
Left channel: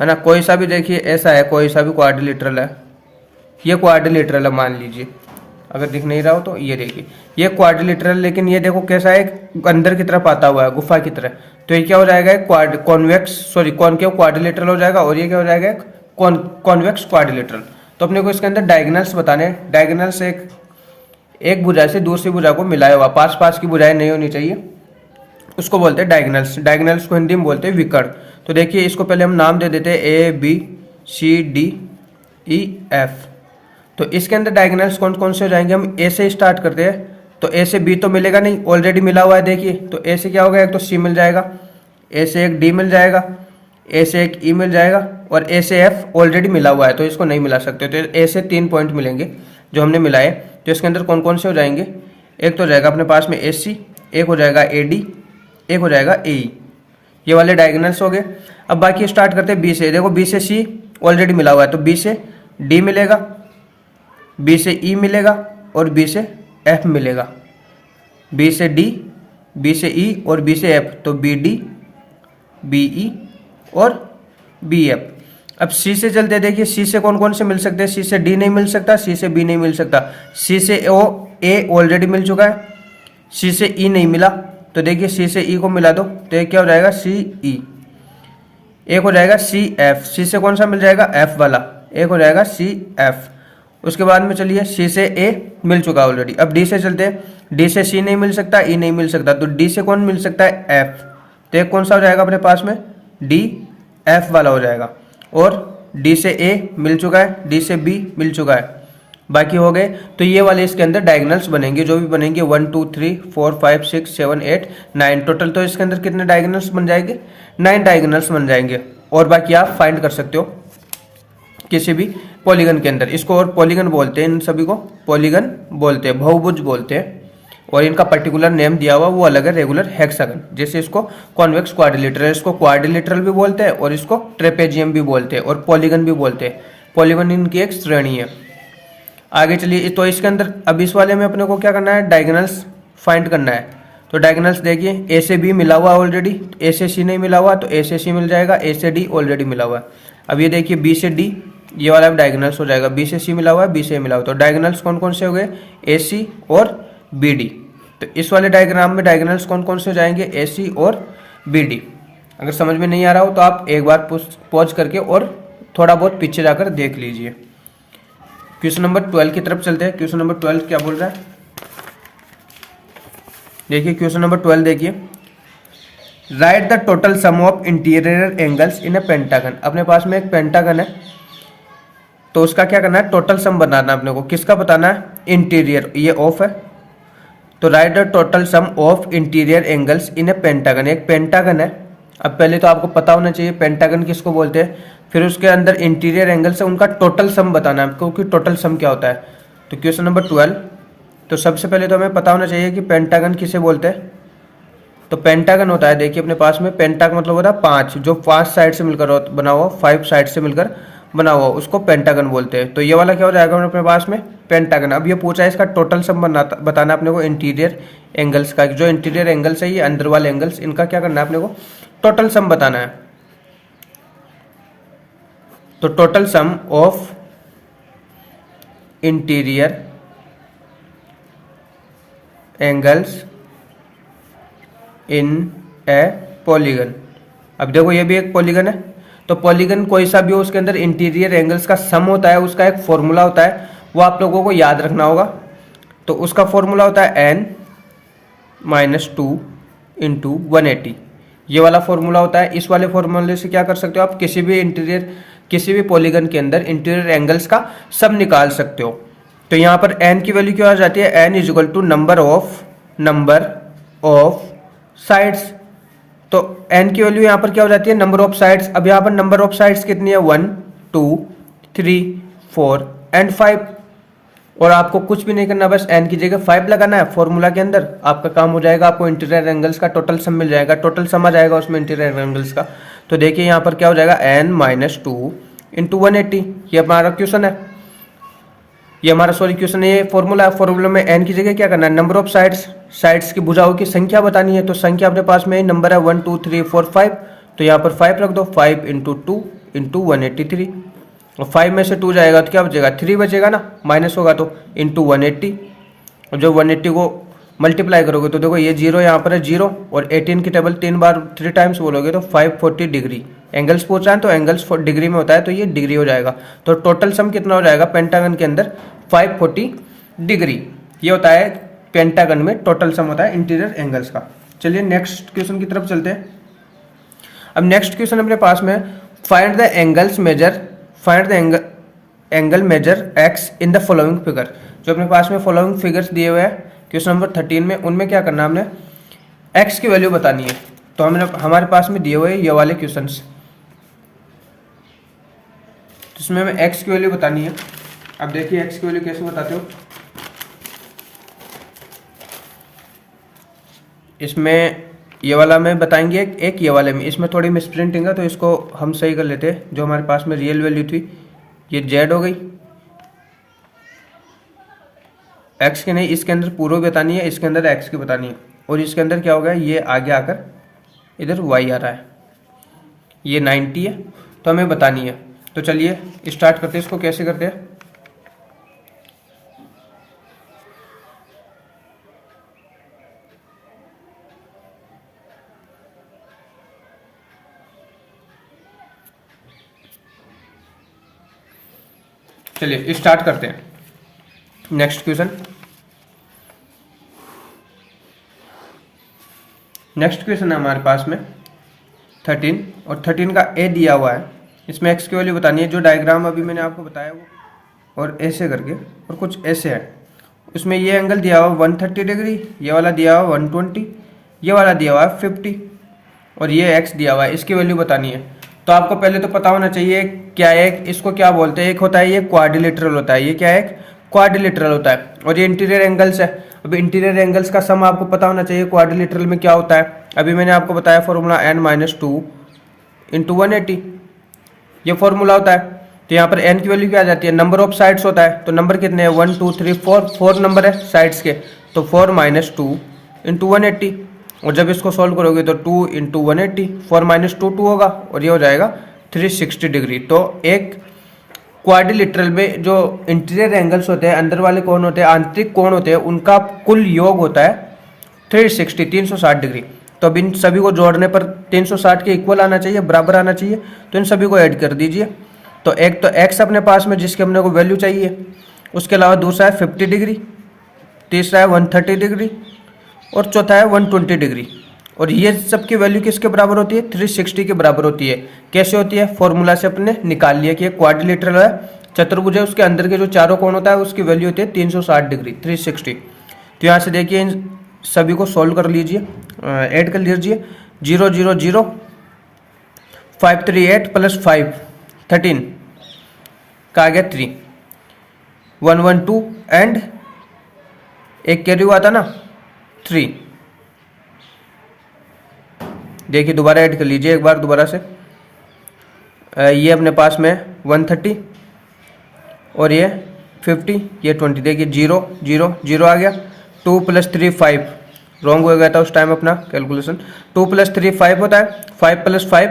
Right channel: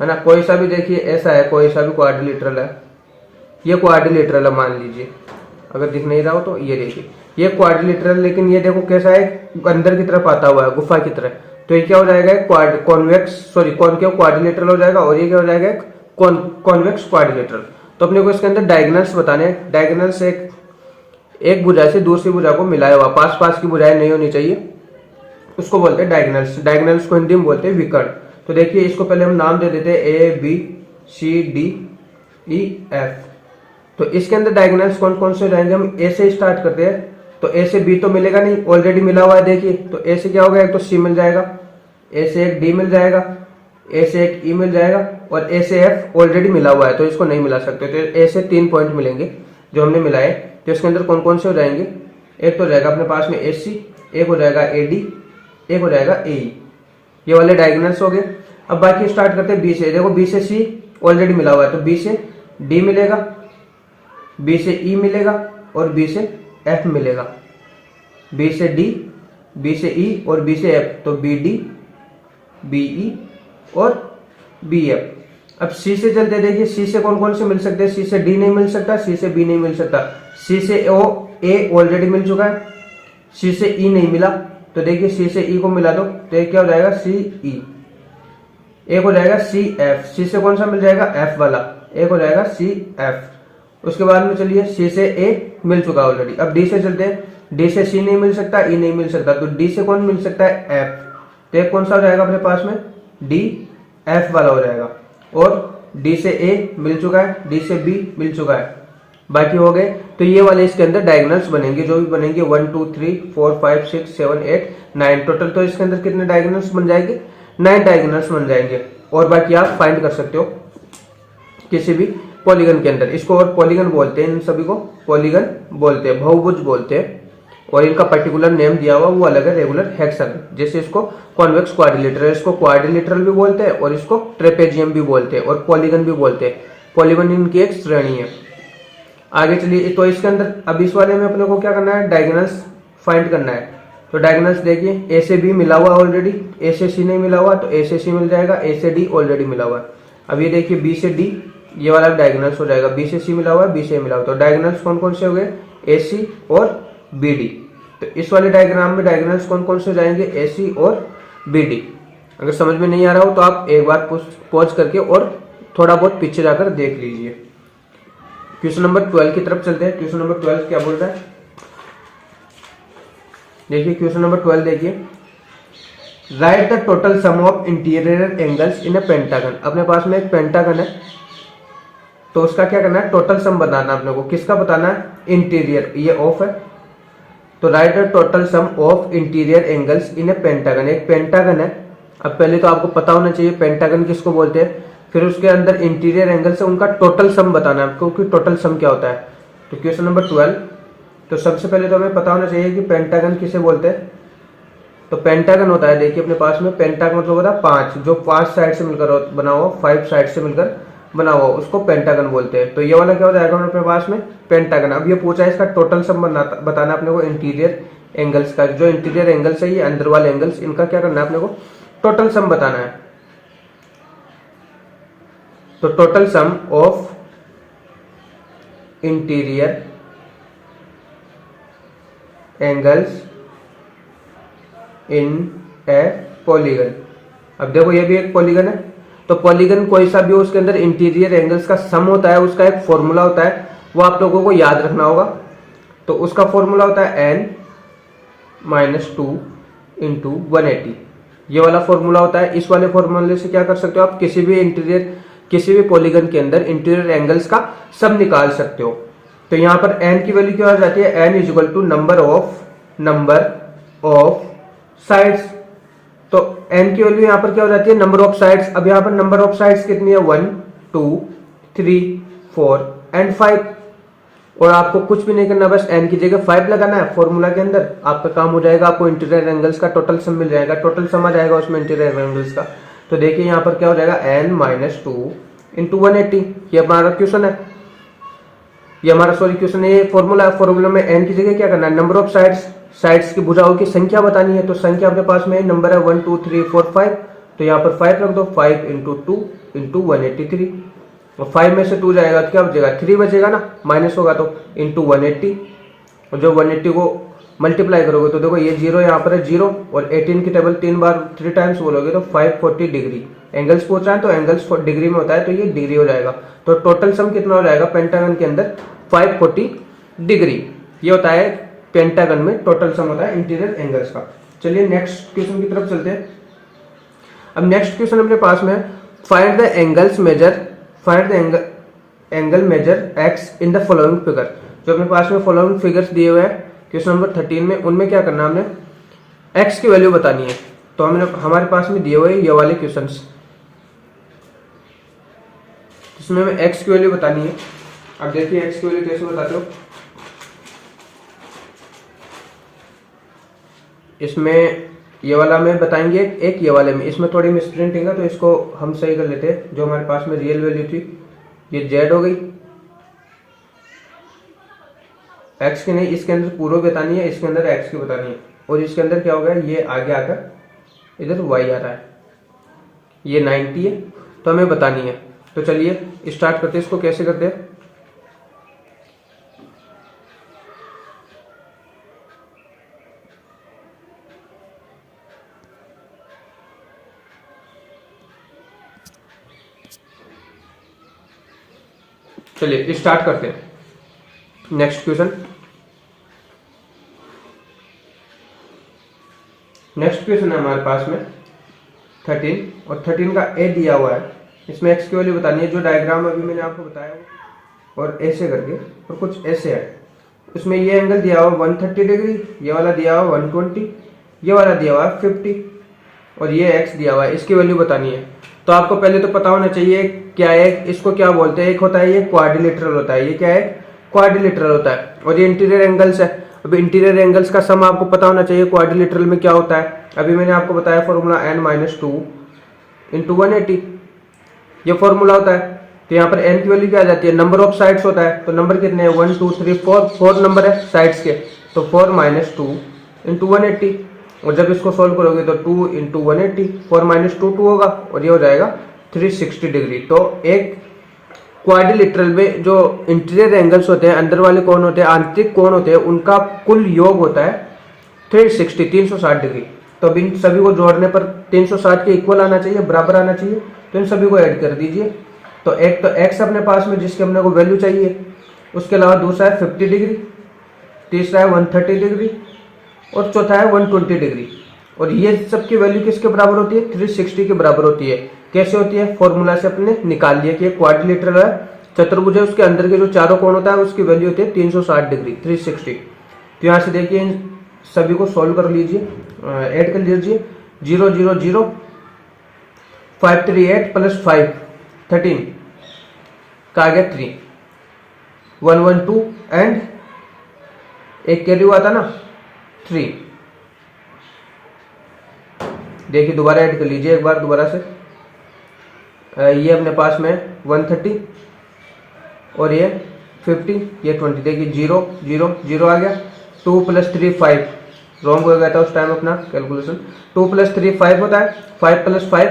है ना। कोई सा भी देखिए ऐसा है, कोई सा भी क्वाड्रिलेटरल है, ये क्वाड्रिलेटरल है मान लीजिए, अगर दिख नहीं रहा हो तो ये देखिए ये क्वाड्रिलेटरल। लेकिन ये देखो कैसा है, अंदर की तरफ आता हुआ है गुफा की तरह। तो ये क्या हो जाएगा, कॉनकेव क्वाड्रिलेटरल हो जाएगा। और ये क्या हो जाएगा, कॉन्वेक्स क्वाड्रिलेटरल। तो अपने को इसके अंदर डायगोनल्स बताने हैं। डायगोनल्स एक भुजा से दूसरी भुजा को मिलाया हुआ, पास पास की भुजाएं नहीं होनी चाहिए, उसको बोलते हैं डायगोनल्स। डायगोनल्स को हिंदी में बोलते हैं विकर्ण। तो देखिए इसको पहले हम नाम दे देते हैं ABCDEF। तो इसके अंदर डायगोनल्स कौन कौन से हो जाएंगे, हम ए से स्टार्ट करते हैं। तो ए से बी तो मिलेगा नहीं, ऑलरेडी मिला हुआ है। देखिए तो ए से क्या होगा, एक तो सी मिल जाएगा, ए से एक डी मिल जाएगा, ए से एक ई मिल जाएगा, और ए से एफ ऑलरेडी मिला हुआ है तो इसको नहीं मिला सकते। तो ए से 3 पॉइंट मिलेंगे जो हमने मिलाए। तो इसके अंदर कौन कौन से हो जाएंगे, एक तो रहेगा अपने पास में AC, एक हो जाएगा AD, एक हो जाएगा AE। ये वाले डायगोनल्स हो गए। अब बाकी स्टार्ट करते हैं बी से। देखो बी से C ऑलरेडी मिला हुआ है, तो बी से D मिलेगा, बी से E मिलेगा, और बी से F मिलेगा। बी से D, बी से E और बी से F, तो BD, BE और BF। अब C से चलते, देखिए C से कौन कौन से मिल सकते हैं, C से D नहीं मिल सकता, C से B नहीं मिल सकता, C से A ऑलरेडी मिल चुका है, C से E नहीं मिला। तो देखिए C से E को मिला दो तो ये क्या हो जाएगा, CE। एक हो जाएगा CF, C से कौन सा मिल जाएगा, F वाला, एक हो जाएगा CF। उसके बाद में चलिए C से A मिल चुका ऑलरेडी। अब D से चलते हैं, D से C नहीं मिल सकता, E नहीं मिल सकता, तो D से कौन मिल सकता है, F। तो एक कौन सा हो जाएगा अपने पास में, DF वाला हो जाएगा। और D से A मिल चुका है, D से B मिल चुका है, बाकी हो गए। तो ये वाले इसके अंदर डायगोनल्स बनेंगे, जो भी बनेंगे 1 2 3 4 5 6 7 8 9 टोटल। तो इसके अंदर कितने डायगोनल्स बन जाएंगे? 9 डायगोनल्स बन जाएंगे। और बाकी आप फाइंड कर सकते हो किसी भी पॉलीगन के अंदर। इसको और पॉलीगन बोलते हैं, इन सभी को पॉलीगन बोलते हैं, बहुभुज बोलते हैं। और इनका पर्टिकुलर नेम दिया हुआ वो अलग है, रेगुलर हेक्सागन। जैसे इसको कॉन्वेक्स क्वाड्रिलेटरल, इसको क्वाड्रिलेटरल भी बोलते हैं और इसको ट्रेपेजियम भी बोलते हैं और पॉलीगन भी बोलते हैं। पॉलीगन इनकी एक श्रेणी है। आगे चलिए, तो इसके अंदर अब इस वाले में अपने को क्या करना है? डायगोनल्स फाइंड करना है। तो डायगोनल्स देखिए, ए से बी मिला हुआ ऑलरेडी, ए से सी नहीं मिला हुआ तो ए से सी मिल जाएगा, ए से डी ऑलरेडी मिला हुआ है। अब ये देखिए बी से डी, ये वाला डायगोनल्स हो जाएगा, बी से सी मिला हुआ है, बी से मिला हुआ। तो डायगोनल्स कौन कौन से हो गए? ए सी और बी डी। तो इस वाले डायग्राम में डायगोनल्स कौन कौन से हो जाएंगे? ए सी और बी डी। अगर समझ में नहीं आ रहा हो तो आप एक बार पॉज करके और थोड़ा बहुत पीछे जाकर देख लीजिए। क्वेश्चन नंबर 12 की तरफ चलते हैं। क्वेश्चन नंबर 12 क्या बोल रहा है? देखिए क्वेश्चन नंबर 12 देखिए, right the total sum of interior angles in A pentagon. अपने पास में एक पेंटागन है, तो उसका क्या करना है? टोटल सम बताना है अपने को। किसका बताना है? इंटीरियर, ये ऑफ है। तो right the total sum of interior angles in A pentagon. एक पेंटागन है। अब पहले तो आपको पता होना चाहिए पेंटागन किसको बोलते हैं, फिर उसके अंदर इंटीरियर एंगल्स है, उनका टोटल सम बताना है आपको कि टोटल सम क्या होता है। तो क्वेश्चन नंबर 12, तो सबसे पहले तो हमें पता होना चाहिए कि पेंटागन किसे बोलते हैं। तो पेंटागन होता है, देखिए अपने पास में पेंटागन मतलब होता है 5, जो 5 साइड से मिलकर बना हुआ, 5 साइड से मिलकर बना हुआ, उसको पेंटागन बोलते हैं। तो ये वाला क्या हो जाएगा अपने पास में? पेंटागन। अब ये पूछा है इसका टोटल सम बताना अपने को इंटीरियर एंगल्स का। जो इंटीरियर एंगल्स है, ये अंदर वाले एंगल्स, इनका क्या करना है अपने को? टोटल सम बताना है। तो total sum of interior angles in A polygon. अब देखो ये भी एक पॉलीगन है, तो पॉलीगन कोई सा भी हो उसके अंदर इंटीरियर एंगल्स का सम होता है, उसका एक फॉर्मूला होता है, वो आप लोगों को याद रखना होगा। तो उसका फॉर्मूला होता है n-2 इंटू 180। ये वाला फॉर्मूला होता है। इस वाले फॉर्मूले से क्या कर सकते हो आप? किसी भी पॉलीगन के अंदर इंटीरियर एंगल्स का सम निकाल सकते हो। तो यहाँ पर n की वैल्यू क्या आ जाती है? n is equal to number of sides. तो n की वैल्यू यहाँ पर क्या हो जाती है? Number of sides. अब यहाँ पर नंबर ऑफ साइड्स कितनी है? 1 2 3 4 एंड 5। और आपको कुछ भी नहीं करना, बस n की जगह 5 लगाना है फॉर्मूला के अंदर, आपका काम हो जाएगा। आपको इंटीरियर एंगल्स का टोटल सम मिल जाएगा, टोटल सम आ जाएगा उसमें इंटीरियर एंगल्स का। तो देखिए यहाँ पर क्या हो जाएगा? n-2 into 180। ये हमारा क्वेश्चन है, ये हमारा क्वेश्चन है, ये फॉर्मूला है। फॉर्मूला में n की जगह क्या करना है? नंबर ऑफ साइड्स की भुजाओं की संख्या बतानी है। तो संख्या अपने पास में नंबर है 1 2 3 4 5। तो यहाँ पर 5 रख दो, 5 इंटू 2 इंटू 183। और 5 में से 2 जाएगा तो क्या बचेगा? 3 बचेगा ना, माइनस होगा तो इंटू 180। और जो 180 को मल्टीप्लाई करोगे तो देखो ये 0 यहाँ पर है 0, और 18 की टेबल 3 टाइम्स बोलोगे तो 540 डिग्री। एंगल्स पूछ रहा है तो एंगल्स डिग्री में होता है, तो ये डिग्री हो जाएगा। तो टोटल सम कितना हो जाएगा पेंटागन के अंदर? 540 डिग्री। ये होता है पेंटागन में टोटल सम होता है इंटीरियर एंगल्स का। चलिए नेक्स्ट क्वेश्चन की तरफ चलते हैं। अब नेक्स्ट क्वेश्चन अपने पास में, find the angle measure x in the following figure. जो अपने पास में फॉलोइंग फिगर्स दिए हुए हैं क्वेश्चन नंबर 13 में, उनमें क्या करना है? हमने एक्स की वैल्यू बतानी है। तो हमने हमारे पास में दिए हुए ये वाले क्वेश्चंस, इसमें हमें एक्स की वैल्यू बतानी है। अब देखिए एक्स की वैल्यू कैसे बताते हो। इसमें ये वाला में बताएंगे, एक ये वाले में, इसमें थोड़ी मिसप्रिंटिंग है तो इसको हम सही कर लेते हैं। जो हमारे पास में रियल वैल्यू थी ये जेड हो गई, एक्स की नहीं, इसके अंदर पूर्व बतानी है, इसके अंदर एक्स की बतानी है। और इसके अंदर क्या होगा? ये आगे आकर इधर वाई आ रहा है, ये 90 है, तो हमें बतानी है। तो चलिए स्टार्ट करते हैं। इसको कैसे करते हैं? चलिए स्टार्ट करते हैं। नेक्स्ट क्वेश्चन है हमारे पास में 13, और 13 का ए दिया हुआ है। इसमें एक्स की वैल्यू बतानी है। जो डायग्राम अभी मैंने आपको बताया और ऐसे करके और कुछ ऐसे है। उसमें ये एंगल दिया हुआ 130 डिग्री, ये वाला दिया हुआ 120, ये वाला दिया हुआ 50 और ये एक्स दिया हुआ है। इसकी वैल्यू बतानी है। तो आपको पहले तो पता होना चाहिए क्या है, इसको क्या बोलते हैं। एक होता है ये क्वाड्रिलेटरल होता है, ये क्या है क्वाड्रिलेटरल होता है, और ये इंटीरियर एंगल्स है। अब इंटीरियर एंगल्स का सम आपको पता होना चाहिए क्वाड्रिलेटरल में क्या होता है। अभी मैंने आपको बताया फॉर्मूला n-2 इंटू 180, ये फॉर्मूला होता है। तो यहाँ पर n की वैल्यू क्या आ जाती है, नंबर ऑफ साइड्स होता है। तो नंबर कितने हैं 1 2 3 4 नंबर है साइड्स के, तो 4 - 2 इंटू 180। और जब इसको सॉल्व करोगे तो 2 इंटू 180, 4 - 2 2 होगा और ये हो जाएगा 360 डिग्री। तो एक क्वाड्रिलेटरल में जो इंटीरियर एंगल्स होते हैं, अंदर वाले कोण होते हैं, आंतरिक कोण होते हैं, उनका कुल योग होता है 360 डिग्री। तो अब इन सभी को जोड़ने पर 360 के इक्वल आना चाहिए, बराबर आना चाहिए। तो इन सभी को ऐड कर दीजिए। तो एक तो x अपने पास में जिसके अपने को वैल्यू चाहिए, उसके अलावा दूसरा है 50 डिग्री, तीसरा है 130 डिग्री और चौथा है 120 डिग्री। और ये सब की वैल्यू किसके बराबर होती है, 360 के बराबर होती है। कैसे होती है, फॉर्मूला से अपने निकाल लिया कि क्वाड्रिलेटरल है, चतुर्भुज है, उसके अंदर के जो चारों कोण होता है उसकी वैल्यू होती है 360 डिग्री 360। तो यहाँ से देखिए इन सभी को सोल्व कर लीजिए, ऐड कर लीजिए। 0 0 0 538 प्लस 5 13 का आ गया 3 112 एंड एक कैरी हुआ था ना 3। देखिए दोबारा ऐड कर लीजिए एक बार दोबारा से। ये अपने पास में 130 और ये 50, ये 20। देखिए 0 0 0 आ गया। 2 + 3 5, रॉन्ग हो गया था उस टाइम अपना कैलकुलेशन। 2 + 3 5 होता है, 5 + 5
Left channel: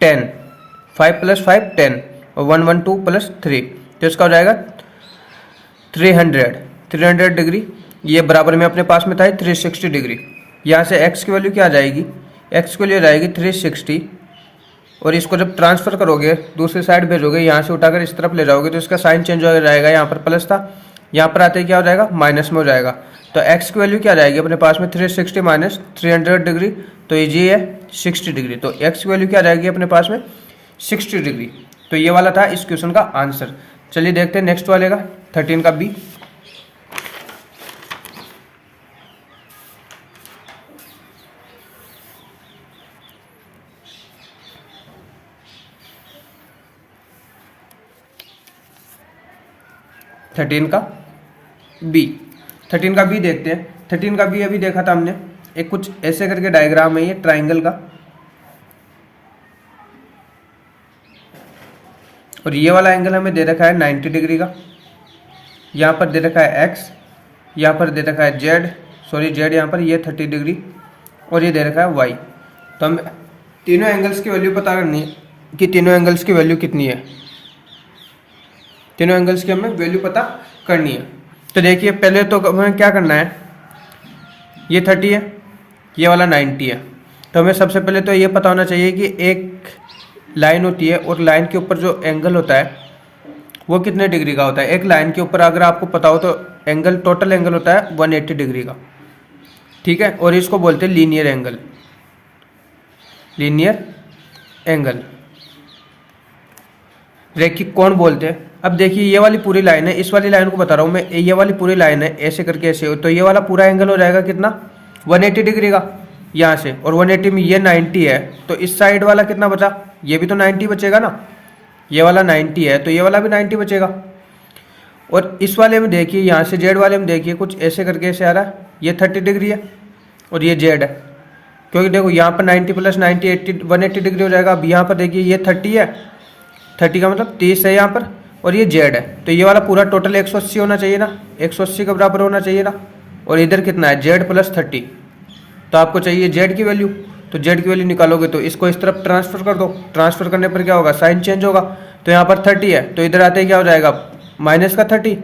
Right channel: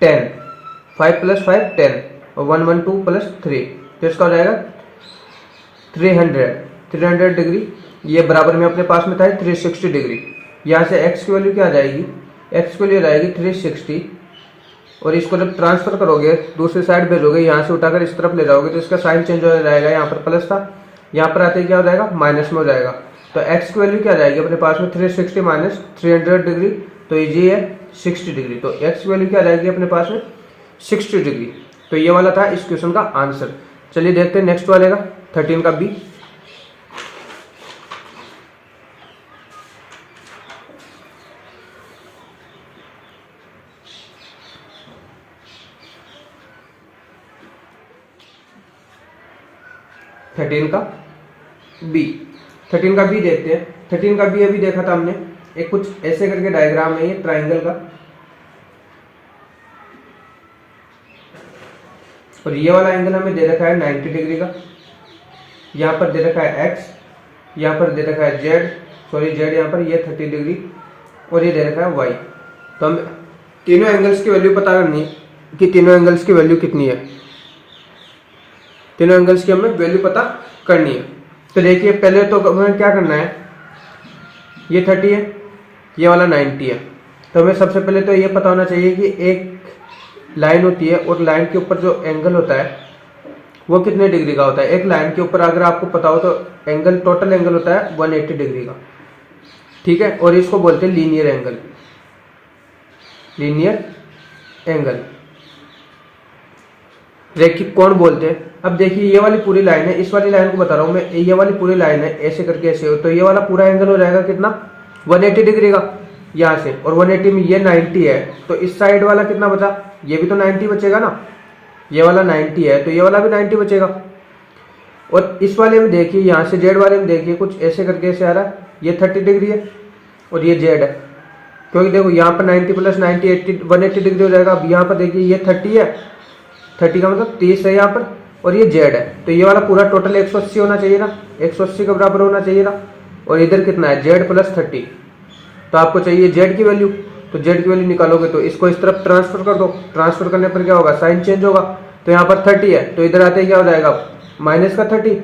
10, 5 + 5 10 और 112 + 3, तो इसका हो जाएगा 300 डिग्री। ये बराबर में अपने पास में था 360 डिग्री। यहाँ से x की वैल्यू क्या आ जाएगी, x की वैल्यू जाएगी 360 और इसको जब ट्रांसफर करोगे दूसरी साइड भेजोगे, यहाँ से उठाकर इस तरफ ले जाओगे तो इसका साइन चेंज हो जाएगा। यहाँ पर प्लस था, यहाँ पर आते ही क्या हो जाएगा माइनस में हो जाएगा। तो x की वैल्यू क्या आ जाएगी अपने पास में 360 माइनस 300 डिग्री, तो ये है 60 डिग्री। तो x की वैल्यू क्या आ जाएगी अपने पास में 60 डिग्री। तो ये वाला था इस क्वेश्चन का आंसर। चलिए देखते हैं नेक्स्ट वाले का 13 का बी। थर्टीन का बी देखते हैं। 13 का बी अभी देखा था हमने, एक कुछ ऐसे करके डायग्राम है ये ट्राइंगल का, और ये वाला एंगल हमें दे रखा है 90 डिग्री का। यहाँ पर दे रखा है x, यहाँ पर दे रखा है z यहाँ पर ये 30 डिग्री और ये दे रखा है y। तो हम तीनों एंगल्स की वैल्यू पता करनी है कि तीनों एंगल्स की वैल्यू कितनी है। तीनों एंगल्स की हमें वैल्यू पता करनी है। तो देखिए पहले तो हमें क्या करना है, ये 30 है, ये वाला 90 है। तो हमें सबसे पहले तो ये पता होना चाहिए कि एक लाइन होती है और लाइन के ऊपर जो एंगल होता है वो कितने डिग्री का होता है। एक लाइन के ऊपर अगर आपको पता हो तो एंगल, टोटल एंगल होता है 180 डिग्री का, ठीक है। और इसको बोलते हैं लीनियर एंगल, रैखिक कोण बोलते हैं। अब देखिए ये वाली पूरी लाइन है, इस वाली लाइन को बता रहा हूँ मैं, ये वाली पूरी लाइन है ऐसे करके ऐसे हो, तो ये वाला पूरा एंगल हो जाएगा कितना 180 डिग्री का यहाँ से, और 180 में ये 90 है तो इस साइड वाला कितना बचा, ये भी तो 90 बचेगा ना। ये वाला 90 है तो ये वाला भी 90 बचेगा। और इस वाले में देखिए, यहाँ से जेड वाले में देखिए कुछ ऐसे करके ऐसे आ रहा है, ये 30 डिग्री है और ये जेड है, क्योंकि देखो यहाँ पर 90 + 90 180 डिग्री हो जाएगा। अब यहाँ पर देखिए ये 30 है, 30 का मतलब 30 है यहाँ पर, और ये जेड है, तो ये वाला पूरा टोटल 180 होना चाहिए ना, 180 के बराबर होना चाहिए ना। और इधर कितना है जेड + 30, तो आपको चाहिए जेड की वैल्यू, तो जेड की वैल्यू निकालोगे तो इसको इस तरफ ट्रांसफर कर दो। ट्रांसफर करने पर क्या होगा, साइन चेंज होगा। तो यहाँ पर 30 है तो इधर आते ही क्या हो जाएगा माइनस का 30,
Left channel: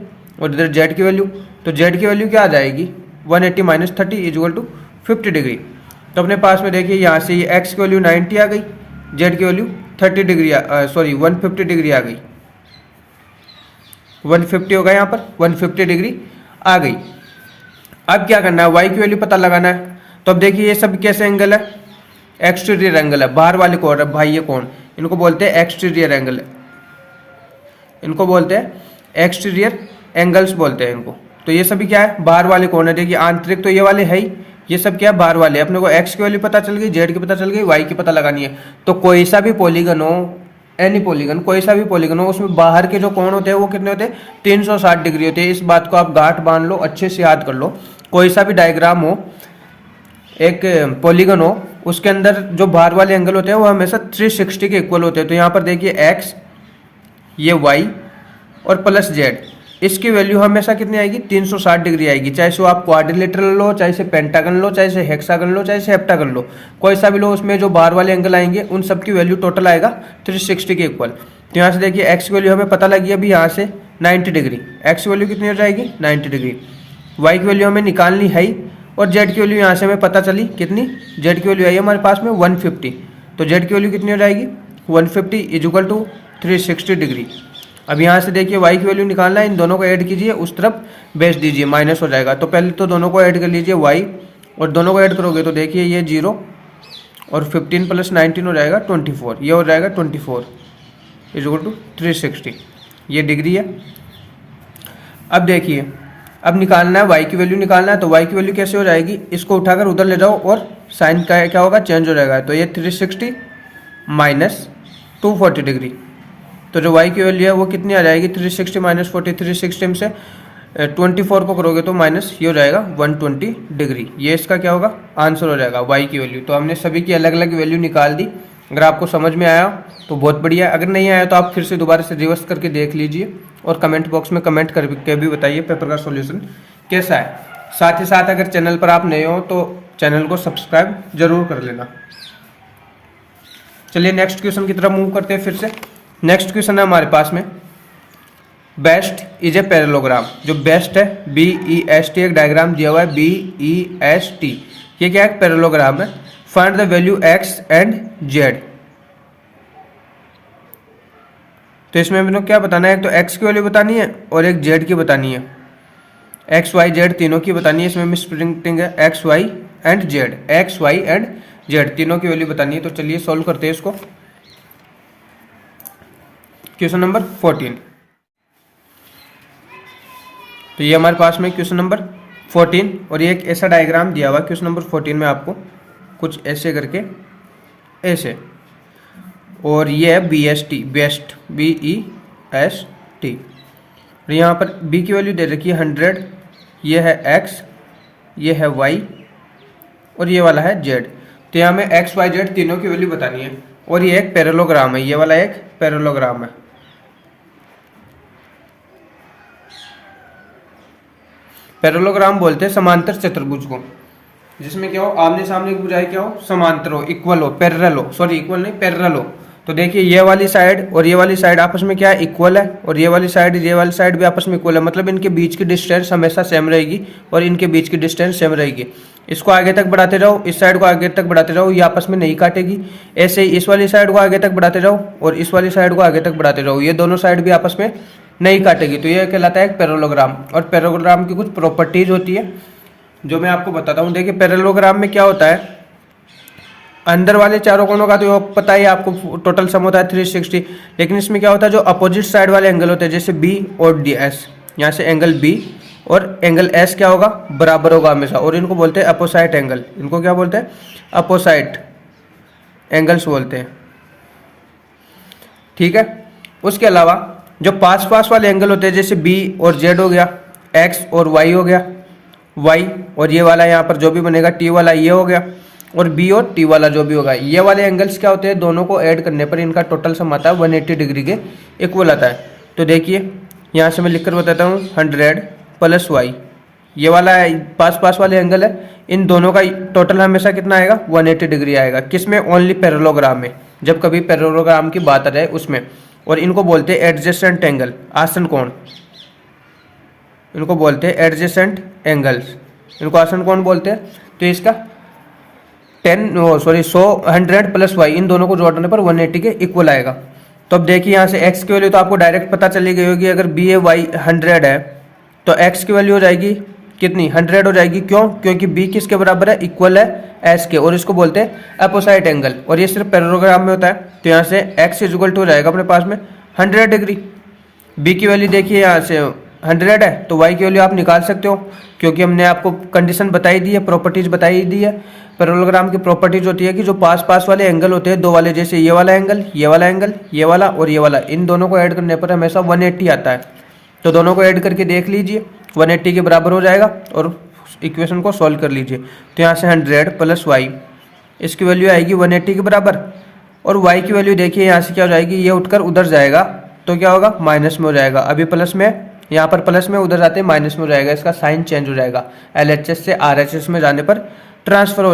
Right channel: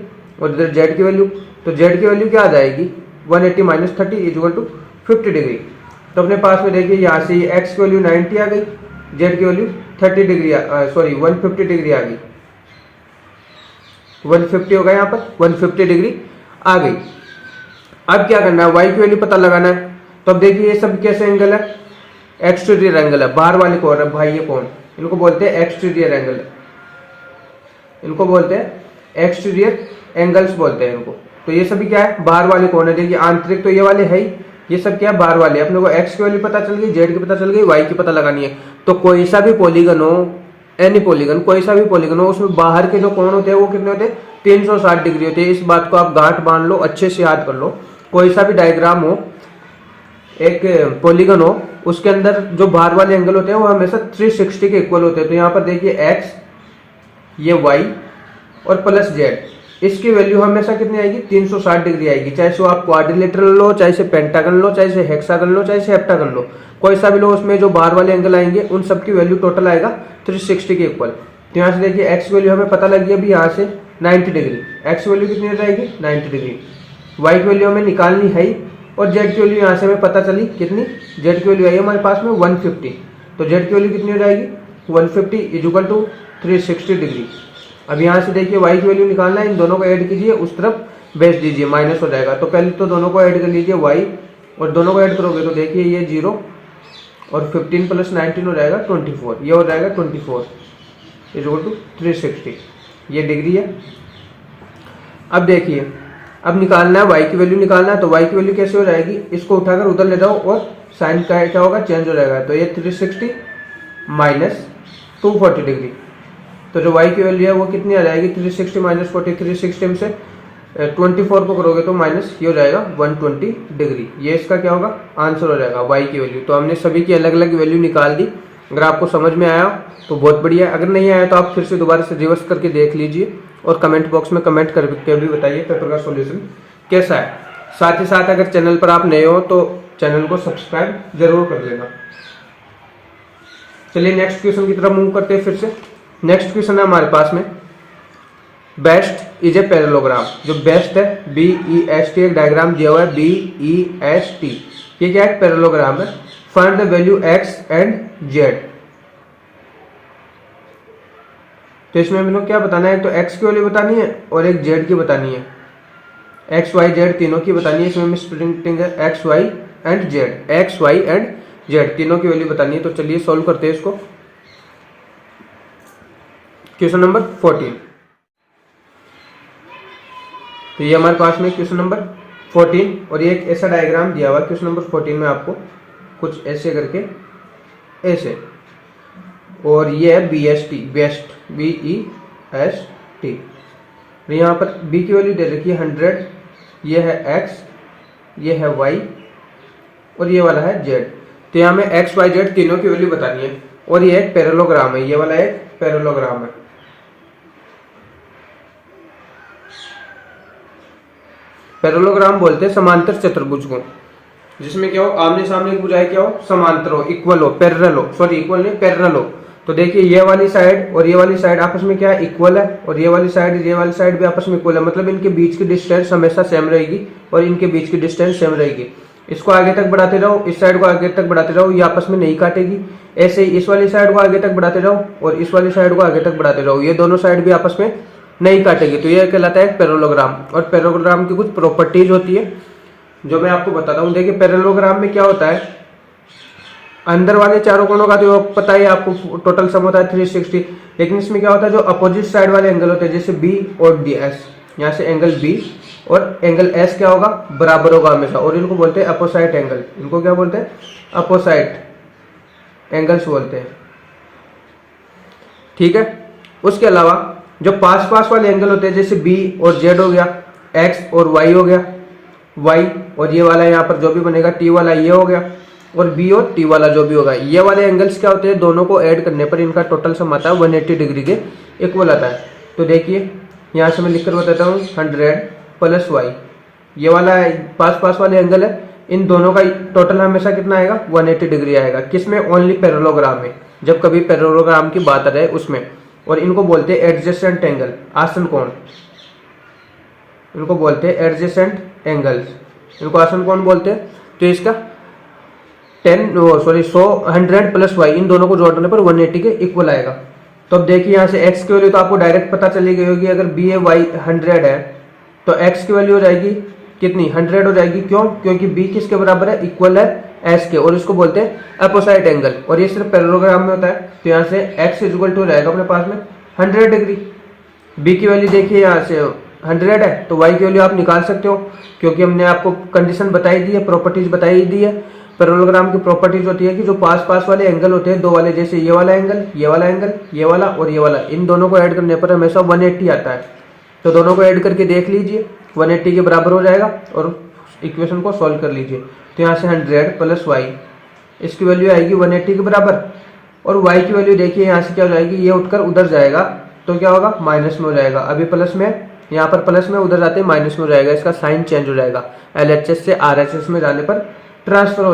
और इधर जेड की वैल्यू, तो जेड की वैल्यू क्या आ जाएगी 180 - 30 = 50 डिग्री। तो अपने पास में देखिए यहाँ से ये एक्स की वैल्यू 90 आ गई, जेड की वैल्यू 150 डिग्री आ गई, 150 होगा यहाँ पर, 150 डिग्री आ गई। अब क्या करना है, वाई की वैल्यू पता लगाना है। तो अब देखिए ये सब कैसे एंगल है, एक्सटीरियर एंगल है, बाहर वाले कोण है भाई, ये कोण इनको बोलते हैं एक्सटीरियर एंगल, इनको बोलते हैं एक्सटीरियर एंगल्स बोलते हैं इनको। तो ये सभी क्या है, बाहर वाले कौन है, देखिए आंतरिक तो ये वाले है ही, ये सब क्या है, बाहर वाले। अपने को एक्स की वैल्यू पता चल गई, जेड की पता चल गई, वाई की पता लगानी है। तो कोई सा भी पॉलीगन हो, एनी पॉलीगन, कोई सा भी पॉलीगन हो, उसमें बाहर के जो कोण होते हैं वो कितने होते हैं, 360 डिग्री होते हैं। इस बात को आप गांठ बांध लो, अच्छे से याद कर लो। कोई सा भी डायग्राम हो, एक पॉलीगन हो, उसके अंदर जो बाहर वाले एंगल होते हैं वो हमेशा 360 के इक्वल होते हैं। तो यहाँ पर देखिए एक्स, ये वाई और प्लस जेड, इसकी वैल्यू हमेशा कितनी आएगी, 360 डिग्री आएगी। चाहे से आप क्वाड्रिलेटरल लो, चाहे से पेंटागन लो, चाहे से हेक्सागन लो, चाहे से हेप्टागन लो, कोई सा भी लो, उसमें जो बाहर वाले एंगल आएंगे उन सब की वैल्यू टोटल आएगा 360 के इक्वल। तो यहाँ से देखिए एक्स की वैल्यू हमें पता लगी अभी यहाँ से 90 डिग्री, एक्स की वैल्यू कितनी हो जाएगी 90 डिग्री। वाई की वैल्यू हमें निकालनी है ही, और जेड की वैल्यू यहाँ से हमें पता चली कितनी, जेड की वैल्यू आई हमारे पास में 150। तो जेड की वैल्यू कितनी हो जाएगी 150 इज इक्वल टू 360 डिग्री। अब यहाँ से देखिए वाई की वैल्यू निकालना है, इन दोनों को ऐड कीजिए, उस तरफ बेच दीजिए, माइनस हो जाएगा। तो पहले तो दोनों को ऐड कर लीजिए वाई, और दोनों को ऐड करोगे तो देखिए ये 0 और 15 प्लस 19 हो जाएगा 24, ये हो जाएगा 24 इज इक्वल टू 360, ये डिग्री है। अब देखिए, अब निकालना है वाई की वैल्यू निकालना है, तो वाई की वैल्यू कैसे हो जाएगी, इसको उठाकर उधर ले जाओ और साइन का क्या होगा, चेंज हो जाएगा। तो ये 360 माइनस 240 डिग्री, तो जो y की वैल्यू है वो कितनी आ जाएगी 360 माइनस 40, 360 में से 24 को करोगे तो माइनस ये हो जाएगा 120 डिग्री। ये इसका क्या होगा, आंसर हो जाएगा y की वैल्यू। तो हमने सभी की अलग अलग वैल्यू निकाल दी। अगर आपको समझ में आया तो बहुत बढ़िया, अगर नहीं आया तो आप फिर से दोबारा से रिवर्स करके देख लीजिए, और कमेंट बॉक्स में कमेंट करके भी बताइए पेपर का सॉल्यूशन कैसा है। साथ ही साथ अगर चैनल पर आप नए हो तो चैनल को सब्सक्राइब जरूर कर लेना। चलिए नेक्स्ट क्वेश्चन की तरफ मूव करते हैं फिर से। नेक्स्ट क्वेश्चन है हमारे पास में, बेस्ट इज ए पैरेललोग्राम। जो बेस्ट है BEST, एक डायग्राम दिया हुआ है BEST, ये क्या है, पैरेललोग्राम है। Find the value x and Z. तो इसमें मैंने क्या बताना है, एक तो एक्स की वैल्यू बतानी है और एक जेड की बतानी है। एक्स वाई जेड तीनों की बतानी है। इसमें मिसप्रिंटिंग है, X Y and Z, X Y and Z तीनों की वैल्यू बतानी है। तो चलिए सॉल्व करते हैं इसको। क्वेश्चन नंबर 14, तो ये हमारे पास में क्वेश्चन नंबर 14, और ये एक ऐसा डायग्राम दिया हुआ है क्वेश्चन नंबर 14 में आपको, कुछ ऐसे करके ऐसे, और ये है BEST, बेस्ट BEST। और यहाँ पर B की वैल्यू दे रखी है 100, ये है x, ये है y और ये वाला है z। तो यहाँ में x y z तीनों की वैल्यू बतानी है, और ये एक पैरेललोग्राम है, ये वाला एक पैरेललोग्राम है। पैरेललोग्राम बोलते हैं समांतर चतुर्भुज को, जिसमें क्या हो, आमने सामने की भुजाएं क्या हो, समांतर हो, इक्वल हो, पैरेलल हो, सॉरी इक्वल नहीं पैरेलल हो। तो देखिए ये वाली साइड और ये वाली साइड आपस में क्या है, इक्वल है, और ये वाली साइड भी आपस में इक्वल है। मतलब इनके बीच की डिस्टेंस हमेशा सेम रहेगी और इनके बीच की डिस्टेंस सेम रहेगी। इसको आगे तक बढ़ाते जाओ, इस साइड को आगे तक बढ़ाते जाओ, ये आपस में नहीं काटेगी। ऐसे ही इस वाली साइड को आगे तक बढ़ाते जाओ और इस वाली साइड को आगे तक बढ़ाते जाओ, ये दोनों साइड भी आपस में नहीं काटेगी। तो ये कहलाता है पैरेललोग्राम। और पैरेललोग्राम की कुछ प्रॉपर्टीज होती है जो मैं आपको बताता हूँ। देखिए पैरेललोग्राम में क्या होता है, अंदर वाले चारों कोणों का तो पता ही आपको, टोटल सम होता है 360। लेकिन इसमें क्या होता है, जो अपोजिट साइड वाले एंगल होते हैं, जैसे B और DS, यहाँ से एंगल B और एंगल S क्या होगा, बराबर होगा हमेशा, और इनको बोलते हैं अपोसाइट एंगल। इनको क्या बोलते हैं, अपोसाइट एंगल्स बोलते हैं, ठीक है। उसके अलावा जो पास पास वाले एंगल होते हैं, जैसे B और Z हो गया, X और Y हो गया, Y और ये वाला यहाँ पर जो भी बनेगा T वाला ये हो गया, और B और T वाला जो भी होगा, ये वाले एंगल्स क्या होते हैं, दोनों को ऐड करने पर इनका टोटल सम आता है 180 डिग्री के इक्वल आता है। तो देखिए यहाँ से मैं लिखकर बताता हूँ, 100 प्लस y, ये वाला पास पास वाले एंगल है, इन दोनों का टोटल हमेशा कितना आएगा, 180 डिग्री आएगा। किसमें, ओनली पैरेललोग्राम में, जब कभी पैरेललोग्राम की बात आ जाए उसमें। और इनको बोलते हैं एडजेसेंट एंगल, आसन कोण, इनको बोलते हैं एडजेसेंट एंगल्स, इनको आसन कोण बोलते हैं। तो इसका 100 प्लस y, इन दोनों को जोड़ने पर 180 के इक्वल आएगा। तो अब देखिए यहाँ से x की वैल्यू तो आपको डायरेक्ट पता चली गई होगी। अगर b y 100 है तो x की वैल्यू हो जाएगी कितनी, 100 हो जाएगी। क्यों, क्योंकि b किसके बराबर है, इक्वल है s के, और इसको बोलते हैं अपोसाइट एंगल, और ये सिर्फ पैरेललोग्राम में होता है। तो यहाँ से x इक्वल टू हो जाएगा अपने पास में 100 डिग्री, बी की वैल्यू देखिए यहाँ से 100 है, तो वाई की वैल्यू आप निकाल सकते हो, क्योंकि हमने आपको कंडीशन बताई दी है, प्रॉपर्टीज बताई दी है। पैरेललोग्राम की प्रॉपर्टीज होती है कि जो पास पास वाले एंगल होते हैं, दो वाले, जैसे ये वाला एंगल, ये वाला एंगल, ये वाला और ये वाला, इन दोनों को ऐड करने पर हमेशा 180 आता है। तो दोनों को ऐड करके देख लीजिए, 180 के बराबर हो जाएगा और इक्वेशन को सॉल्व कर लीजिए। तो यहाँ से 100 प्लस वाई, इसकी वैल्यू आएगी 180 के बराबर, और y की वैल्यू देखिए यहाँ से क्या हो जाएगी, ये उठकर उधर जाएगा तो क्या होगा, माइनस में हो जाएगा। अभी प्लस में, यहाँ पर प्लस में, उधर जाते ही माइनस में हो जाएगा, इसका साइन चेंज हो जाएगा, LHS से RHS में जाने पर, ट्रांसफर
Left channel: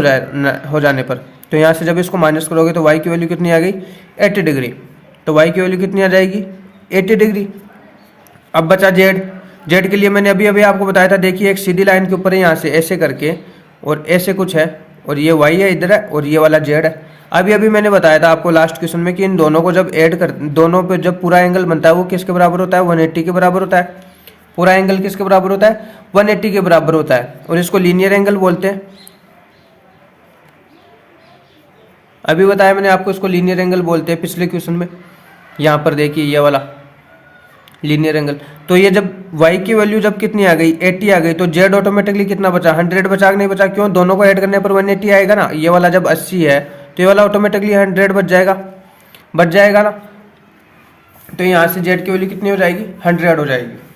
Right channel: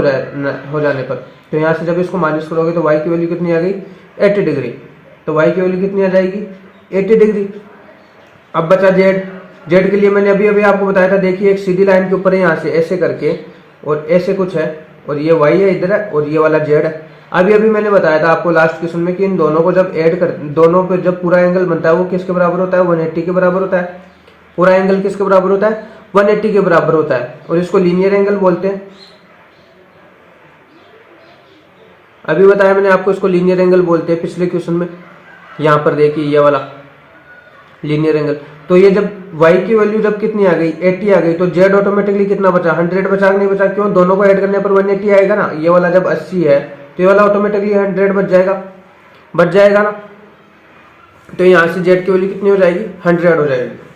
हो जाने पर। तो यहाँ से जब इसको माइनस करोगे तो y की वैल्यू कितनी आ गई, 80 डिग्री। तो y की वैल्यू कितनी आ जाएगी, 80 डिग्री। अब बचा z के लिए मैंने अभी अभी आपको बताया था, देखिए एक सीधी लाइन के ऊपर है यहाँ से ऐसे करके, और ऐसे कुछ है, और ये y है इधर है, और ये वाला z है। अभी अभी मैंने बताया था आपको लास्ट क्वेश्चन में कि इन दोनों को जब ऐड कर, दोनों पे जब पूरा एंगल बनता है वो किसके बराबर होता है, 180 के बराबर होता है। पूरा एंगल किसके बराबर होता है, 180 के बराबर होता है, और इसको लीनियर एंगल बोलते हैं। अभी बताया मैंने आपको, इसको लीनियर एंगल बोलते हैं पिछले क्वेश्चन में। यहाँ पर देखिए ये वाला लीनियर एंगल। तो ये जब y की वैल्यू जब कितनी आ गई, 80 आ गई, तो z ऑटोमेटिकली कितना बचा, 100 बचा कि नहीं बचा, क्यों, दोनों को ऐड करने पर 180 आएगा ना। ये वाला जब 80 है तो ये वाला ऑटोमेटिकली 100 बच जाएगा ना। तो यहाँ से z की वैल्यू कितनी हो जाएगी, 100 हो जाएगी।